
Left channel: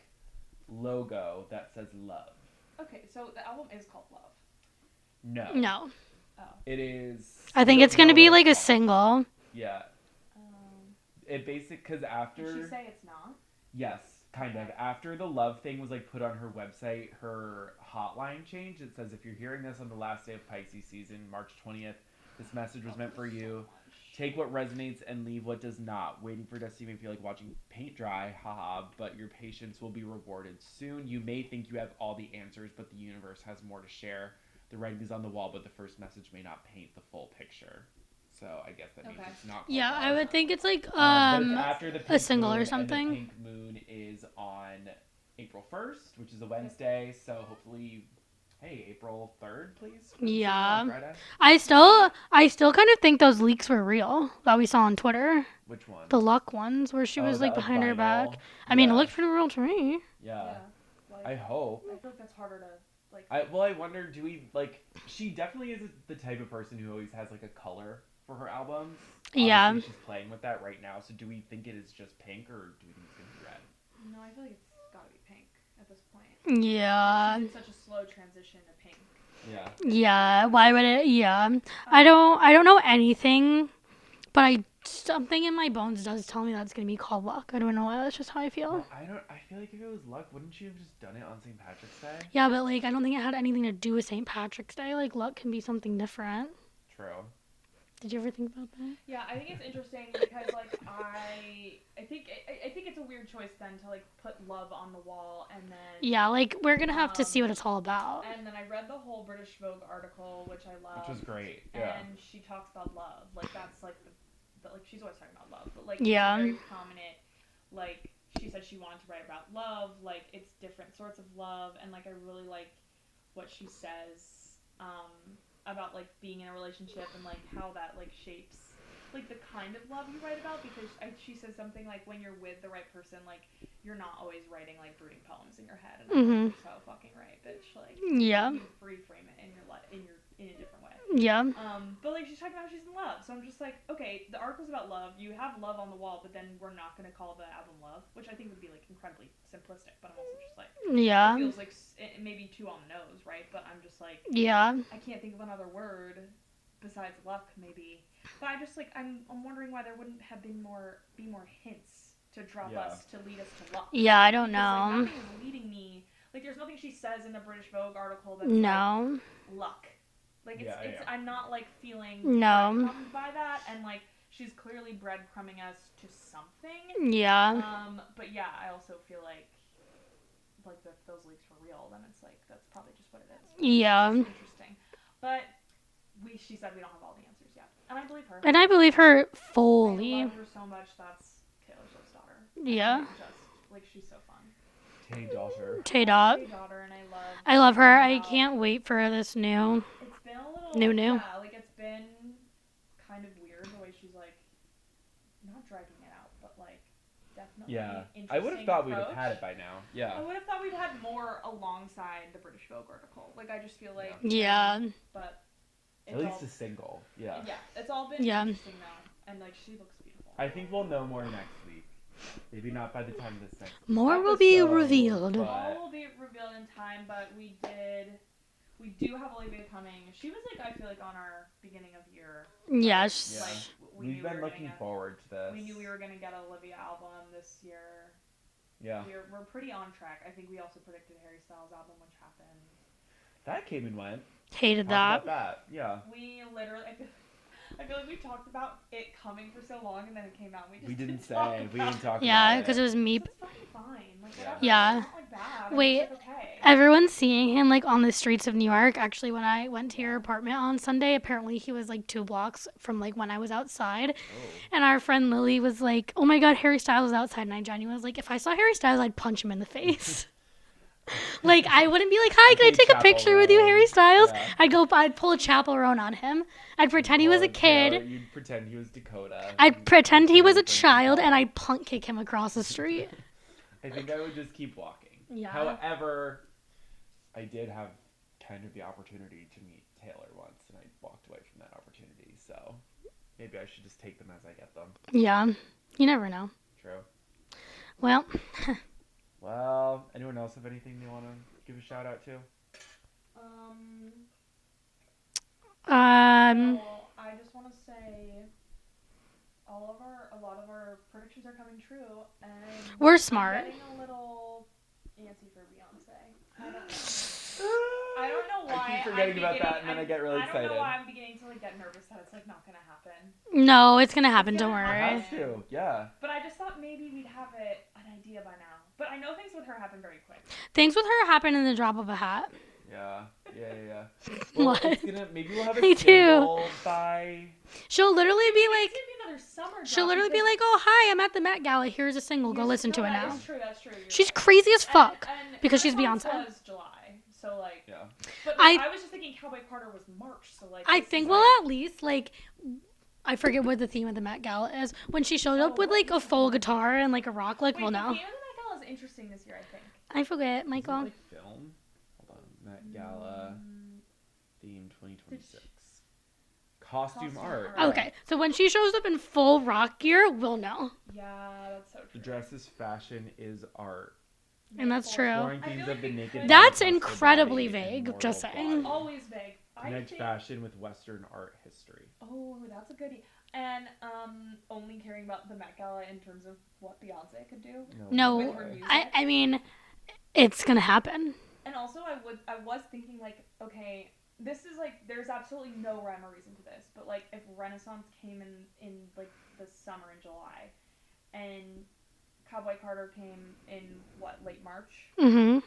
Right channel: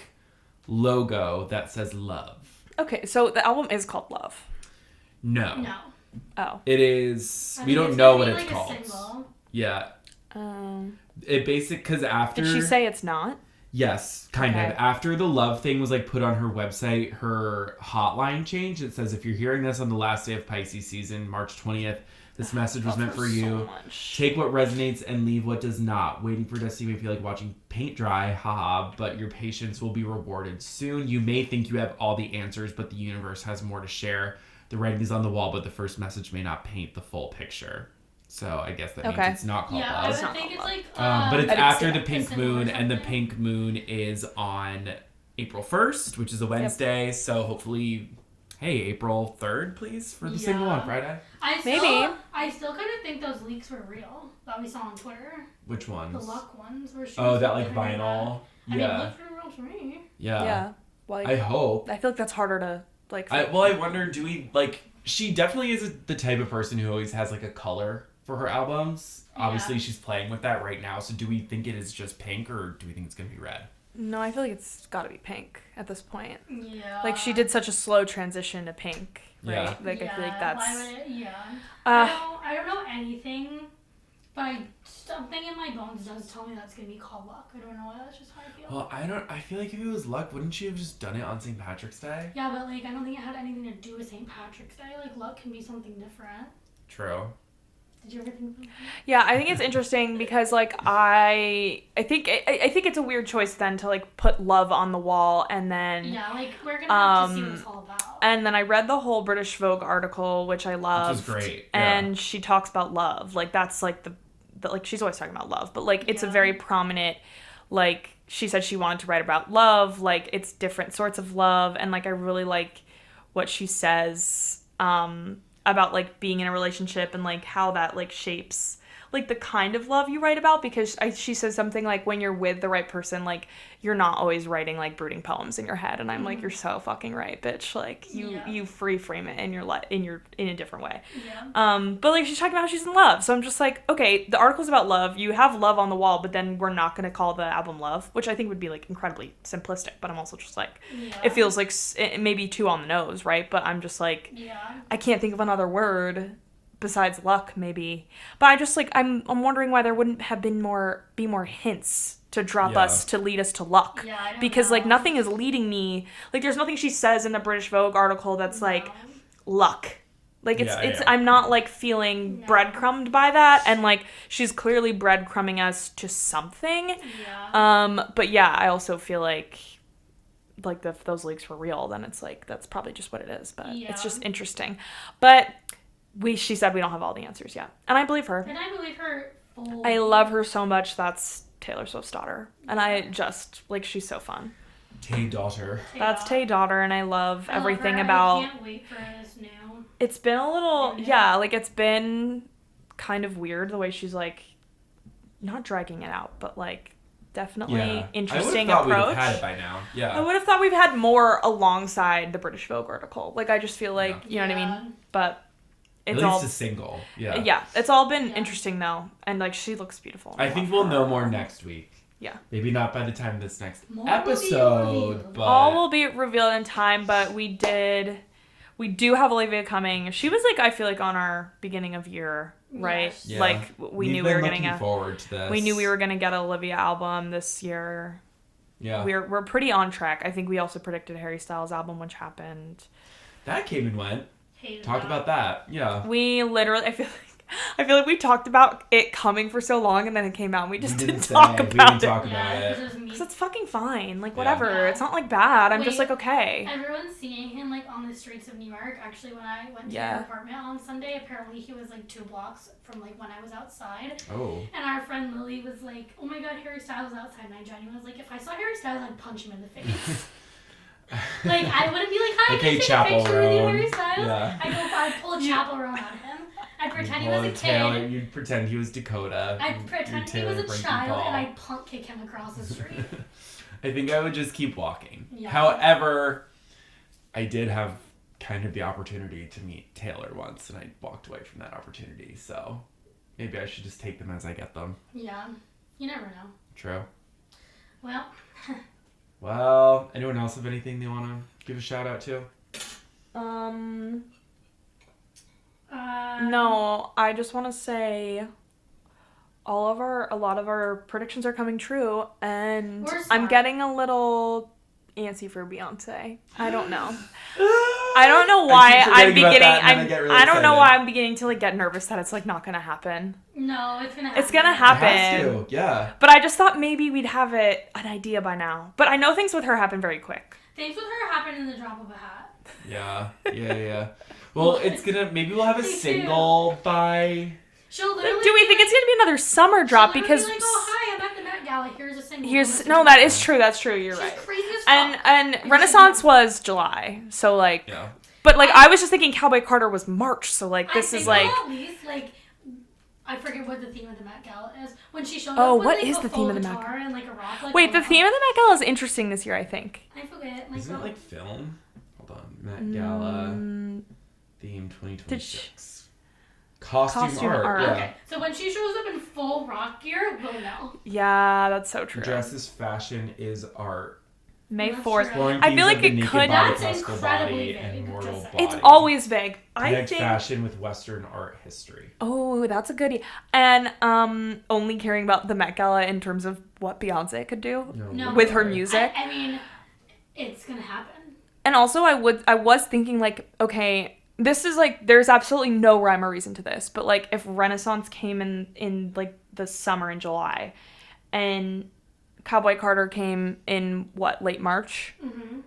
logo that says love. Okay, so the album is called Love. No. Oh. It is. I think it's going to be like a single. Yeah. It because after. Did she say it's not? Yes, kind of. After the love thing was, like, put on her website, her hotline changed. It says, if you're hearing this on the last day of Pisces season, March 20th, this message was meant for you. Take what resonates and leave what does not. Waiting for Destiny may feel like watching paint dry, haha, but your patience will be rewarded soon. You may think you have all the answers, but the universe has more to share. The writing is on the wall, but the first message may not paint the full picture. So I guess that means it's not called love. I would think it's like... but it's after the pink moon, and the pink moon is on April 1st, which is a Wednesday. Yep. So hopefully, April 3rd, please, for the single on Friday. I still kind of think those leaks were real that we saw on Twitter. Which ones? The Luck ones, where she was, like, behind her back. I mean, it looked pretty real to me. Yeah. Like, I hope. I feel like that's harder to... Like, I wonder, do we, like, she definitely is the type of person who always has, like, a color for her albums. Obviously, she's playing with that right now, so do we think it is just pink, or do we think it's going to be red? No, I feel like it's got to be pink at this point. Yeah. Like, she did such a slow transition to pink, right? Yeah. Like, I feel Yeah. like Why would it? Yeah. I don't know anything, but something in my bones does tell me that's gonna be called luck. I don't know why. That's just how I feel. Well, I feel like if it was luck, wouldn't you have just done it on St. Patrick's Day? Yeah, but like I don't think it had anything to do with St. Patrick's Day. Like luck can be something different. True. Did you ever think about that? Yeah, I think it's interesting because like I think it's a weird choice then to like put love on the wall and then Yeah, like we're gonna have to see what it's all about. And then I read the whole British Vogue article, which I loved. Which was great. And she talks about love. Like that's like the like she's always talking about love, but like it's a very prominent, like she said she wanted to write about love, like it's different sorts of love, and like I really like what she says about like being in a relationship and like how that like shapes like the kind of love you write about, because she says something like when you're with the right person, like you're not always writing like brooding poems in your head, and I'm like, you're so fucking right, bitch. Like you free frame it in your in a different way. Yeah. But like she's talking about how she's in love, so I'm just like, okay, the article's about love. You have love on the wall, but then we're not gonna call the album love, which I think would be like incredibly simplistic. But I'm also just like, it feels like it maybe too on the nose, right? But I'm just like, I can't think of another word besides luck, maybe. But I just like I'm wondering why there wouldn't have been more hints to drop us to lead us to luck. Yeah, I don't know. Because like nothing is leading me. Like there's nothing she says in the British Vogue article that's like luck. Like it's I'm not like feeling breadcrumbed by that, and like she's clearly breadcrumbing us to something. Yeah. But yeah, I also feel like if those leaks were real, then it's like that's probably just what it is. But it's just interesting. But she said we don't have all the answers yet. And I believe her. And I believe her fully. I love her so much. That's Taylor Swift's daughter. And I just, like, she's so fun. Tay daughter. That's Tay daughter, and I love her. I can't wait for this new. It's been a little, new. Yeah, like, it's been kind of weird the way she's, like, not dragging it out, but, like, definitely interesting approach. I would have thought we'd have had it by now. Yeah. I would have thought we've had more alongside the British Vogue article. Like, I just feel like, you know what I mean? But it's at least a single. Yeah. Yeah. It's all been interesting though. And like she looks beautiful. I think we'll know more next week. Yeah. Maybe not by the time this next more episode. Will be revealed. But... all will be revealed in time, but we do have Olivia coming. She was like, I feel like on our beginning of year, right? Yes. Yeah. Like we knew we were getting forward to this. We knew we were gonna get an Olivia album this year. Yeah. We're pretty on track. I think we also predicted Harry Styles album, which happened. That came and went. Hated Talk about that. Yeah. We literally, I feel like we talked about it coming for so long, and then it came out, and we just didn't talk about it. Yeah, because it was me. It's fucking fine. Like, whatever. Yeah. It's not, like, bad. I'm just like, okay. Everyone's seeing him, like, on the streets of New York. Actually, when I went to your apartment on Sunday, apparently he was, like, 2 blocks from, like, when I was outside. Oh. And our friend Lily was like, oh, my God, Harry Styles is outside. And I genuinely was like, if I saw Harry Styles, I'd punch him in the face. Like, I wouldn't be like, hi, can I take a picture with you, Harry Styles? Yeah. I'd pull a chappel roan on him. I'd pretend he was a kid. You'd pretend he was Dakota. I'd pretend he was a child, and I'd punk kick him across the street. I think I would just keep walking. Yeah. However, I did have kind of the opportunity to meet Taylor once, and I walked away from that opportunity. So maybe I should just take them as I get them. Yeah. You never know. True. Well... Well, anyone else have anything they want to give a shout out to? No, I just want to say a lot of our predictions are coming true, and we're smart. I'm getting a little antsy for Beyonce. I don't know. I don't know why I'm beginning. I don't know why I'm beginning to like get nervous that it's like not gonna happen. No, it's gonna happen. It's gonna happen. It has to, yeah. But I just thought maybe we'd have an idea by now. But I know things with her happen very quick. Things with her happen in the drop of a hat. Yeah. Well, maybe we'll have a single by. She'll literally. Do we think it's gonna be another summer drop? She'll because be like, oh hi, I'm at the Met Gala. Here's a single. That is true. That's true. She's crazy as fuck. And Renaissance was July, so like. Yeah. But like I was just thinking, Cowboy Carter was March, so like this is like. At least like. I forget what the theme of the Met Gala is. When she showed up with like a full guitar and like a rock. Like, wait, the theme of the Met Gala is interesting this year, I think. I forget. Isn't it like film? Hold on, Met Gala theme 2026. Costume art. Yeah. Okay, so when she shows up in full rock gear, we'll know. Yeah, that's so true. Dresses fashion is art. May That's 4th. true. I feel like it could. That's incredibly vague, just saying. It's always vague. I Connect think fashion with Western art history. Oh, that's a goodie. And only caring about the Met Gala in terms of what Beyonce could do No, with her music. I mean, it's gonna happen. And also, I was thinking like, okay, this is like, there's absolutely no rhyme or reason to this, but like if Renaissance came in like the summer in July, and Cowboy Carter came in late March. Mm-hmm.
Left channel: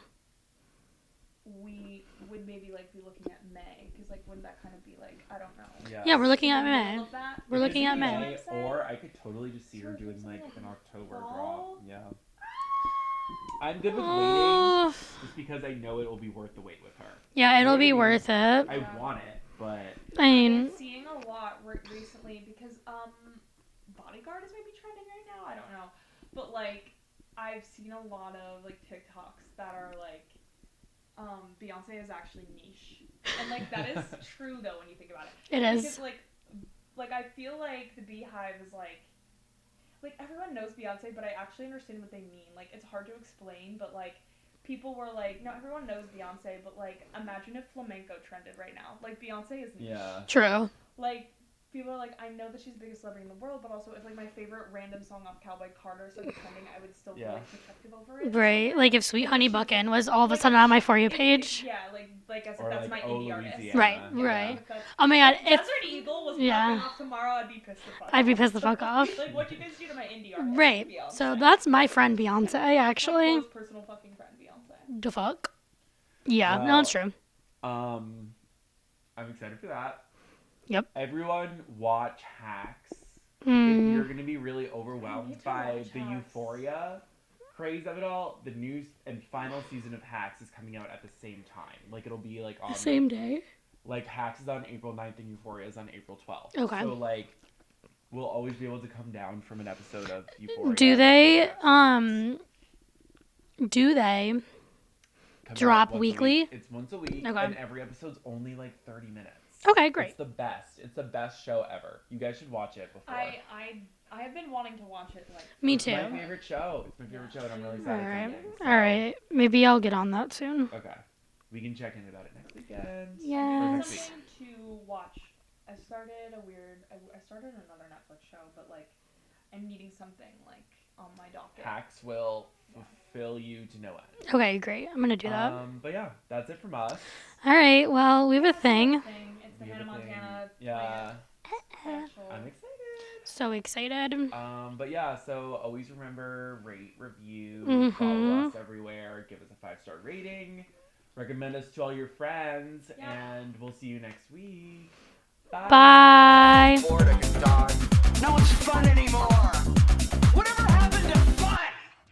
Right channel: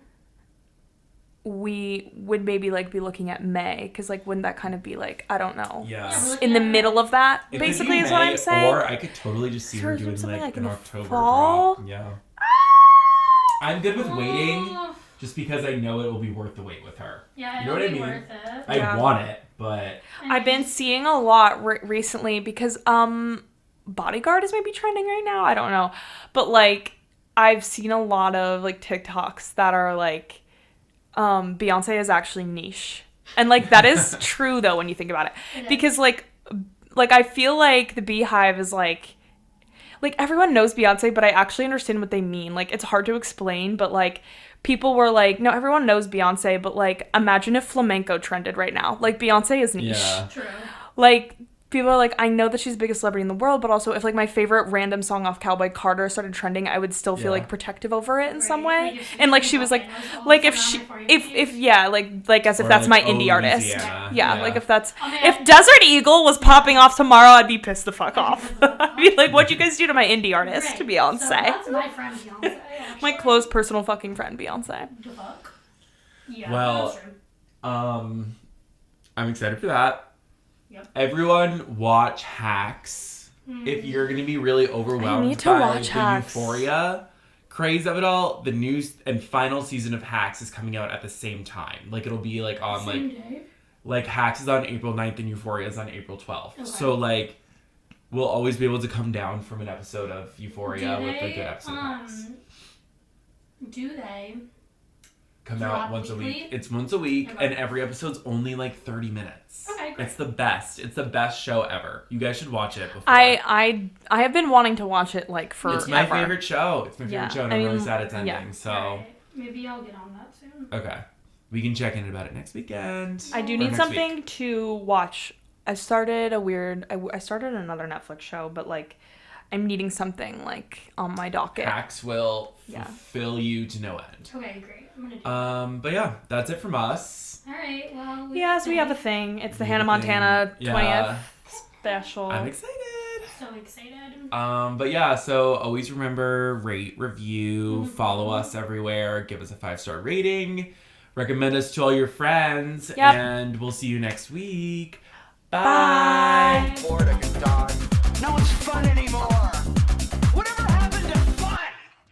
We would maybe like be looking at May, because like wouldn't that kind of be like, I don't know, Yeah, we're looking in at the May. middle of that, It basically could is be what May, I'm saying. Or I could totally just see her doing something like in an the October fall. drop. Yeah. I'm good with waiting, just because I know it will be worth the wait with her. Yeah, You know it'll what I be mean? worth it. I want it, but I've been seeing a lot recently because Bodyguard is maybe trending right now. I don't know, but like I've seen a lot of like TikToks that are like Beyonce is actually niche, and like that is true though when you think about it. It is. Because like I feel like the Beehive is like everyone knows Beyonce, but I actually understand what they mean. Like it's hard to explain, but like people were like, no, everyone knows Beyonce, but like imagine if flamenco trended right now. Like Beyonce is niche. yeah. True. Like people are like, I know that she's the biggest celebrity in the world, but also if like my favorite random song off Cowboy Carter started trending, I would still feel like protective over it in some way. Like if Sweet and like Honey she was like Buckin' was all like the time if on my she- For You if, page. if yeah, like as if Or, that's like, my indie artist. Louisiana. Right. Yeah, Right. like if that's Oh my God, if Desert Eagle was popping off tomorrow, I'd be pissed the fuck off. I'd be pissed the fuck I'd be off. like, what'd you guys do to my indie artist, Right. to Beyonce? So that's my friend Beyonce, actually. my close personal fucking friend Beyonce. The fuck? Yeah, Well, no, it's true. I'm excited for that. Yep. Everyone watch Hacks. If you're going to be really overwhelmed need to by watch the Hacks. euphoria craze of it all, the new and final season of Hacks is coming out at the same time. Like it'll be like on Same day. like Hacks is on April 9th and Euphoria is on April 12th. Okay. So like we'll always be able to come down from an episode of Euphoria. Do with, they like, an episode come drop out once a weekly? week. It's once a week, Okay. and every episode's only like 30 minutes. Okay, great. It's the best. It's the best show ever. You guys should watch it before. I have been wanting to watch it like for Me It's too. my favorite show. It's my favorite Yeah. show, and I I'm mean, really sad it's ending. yeah. So. All right. Maybe I'll get on that soon. Okay. We can check in about it next weekend. I do Or need next something week. to watch. I started another Netflix show, but like I'm needing something like on my docket. Hacks will Yeah. fulfill you to no end. Okay, great. I'm gonna do that. But yeah, that's it from us. All right. Well, we have a Yes, we have a thing. thing. It's the We Hannah have a thing. Montana 20th Yeah. special. I'm excited. So excited. But yeah, so always remember, rate, review, follow us everywhere, give us a 5-star rating, recommend us to all your friends, Yep. and we'll see you next week. Bye. Bye.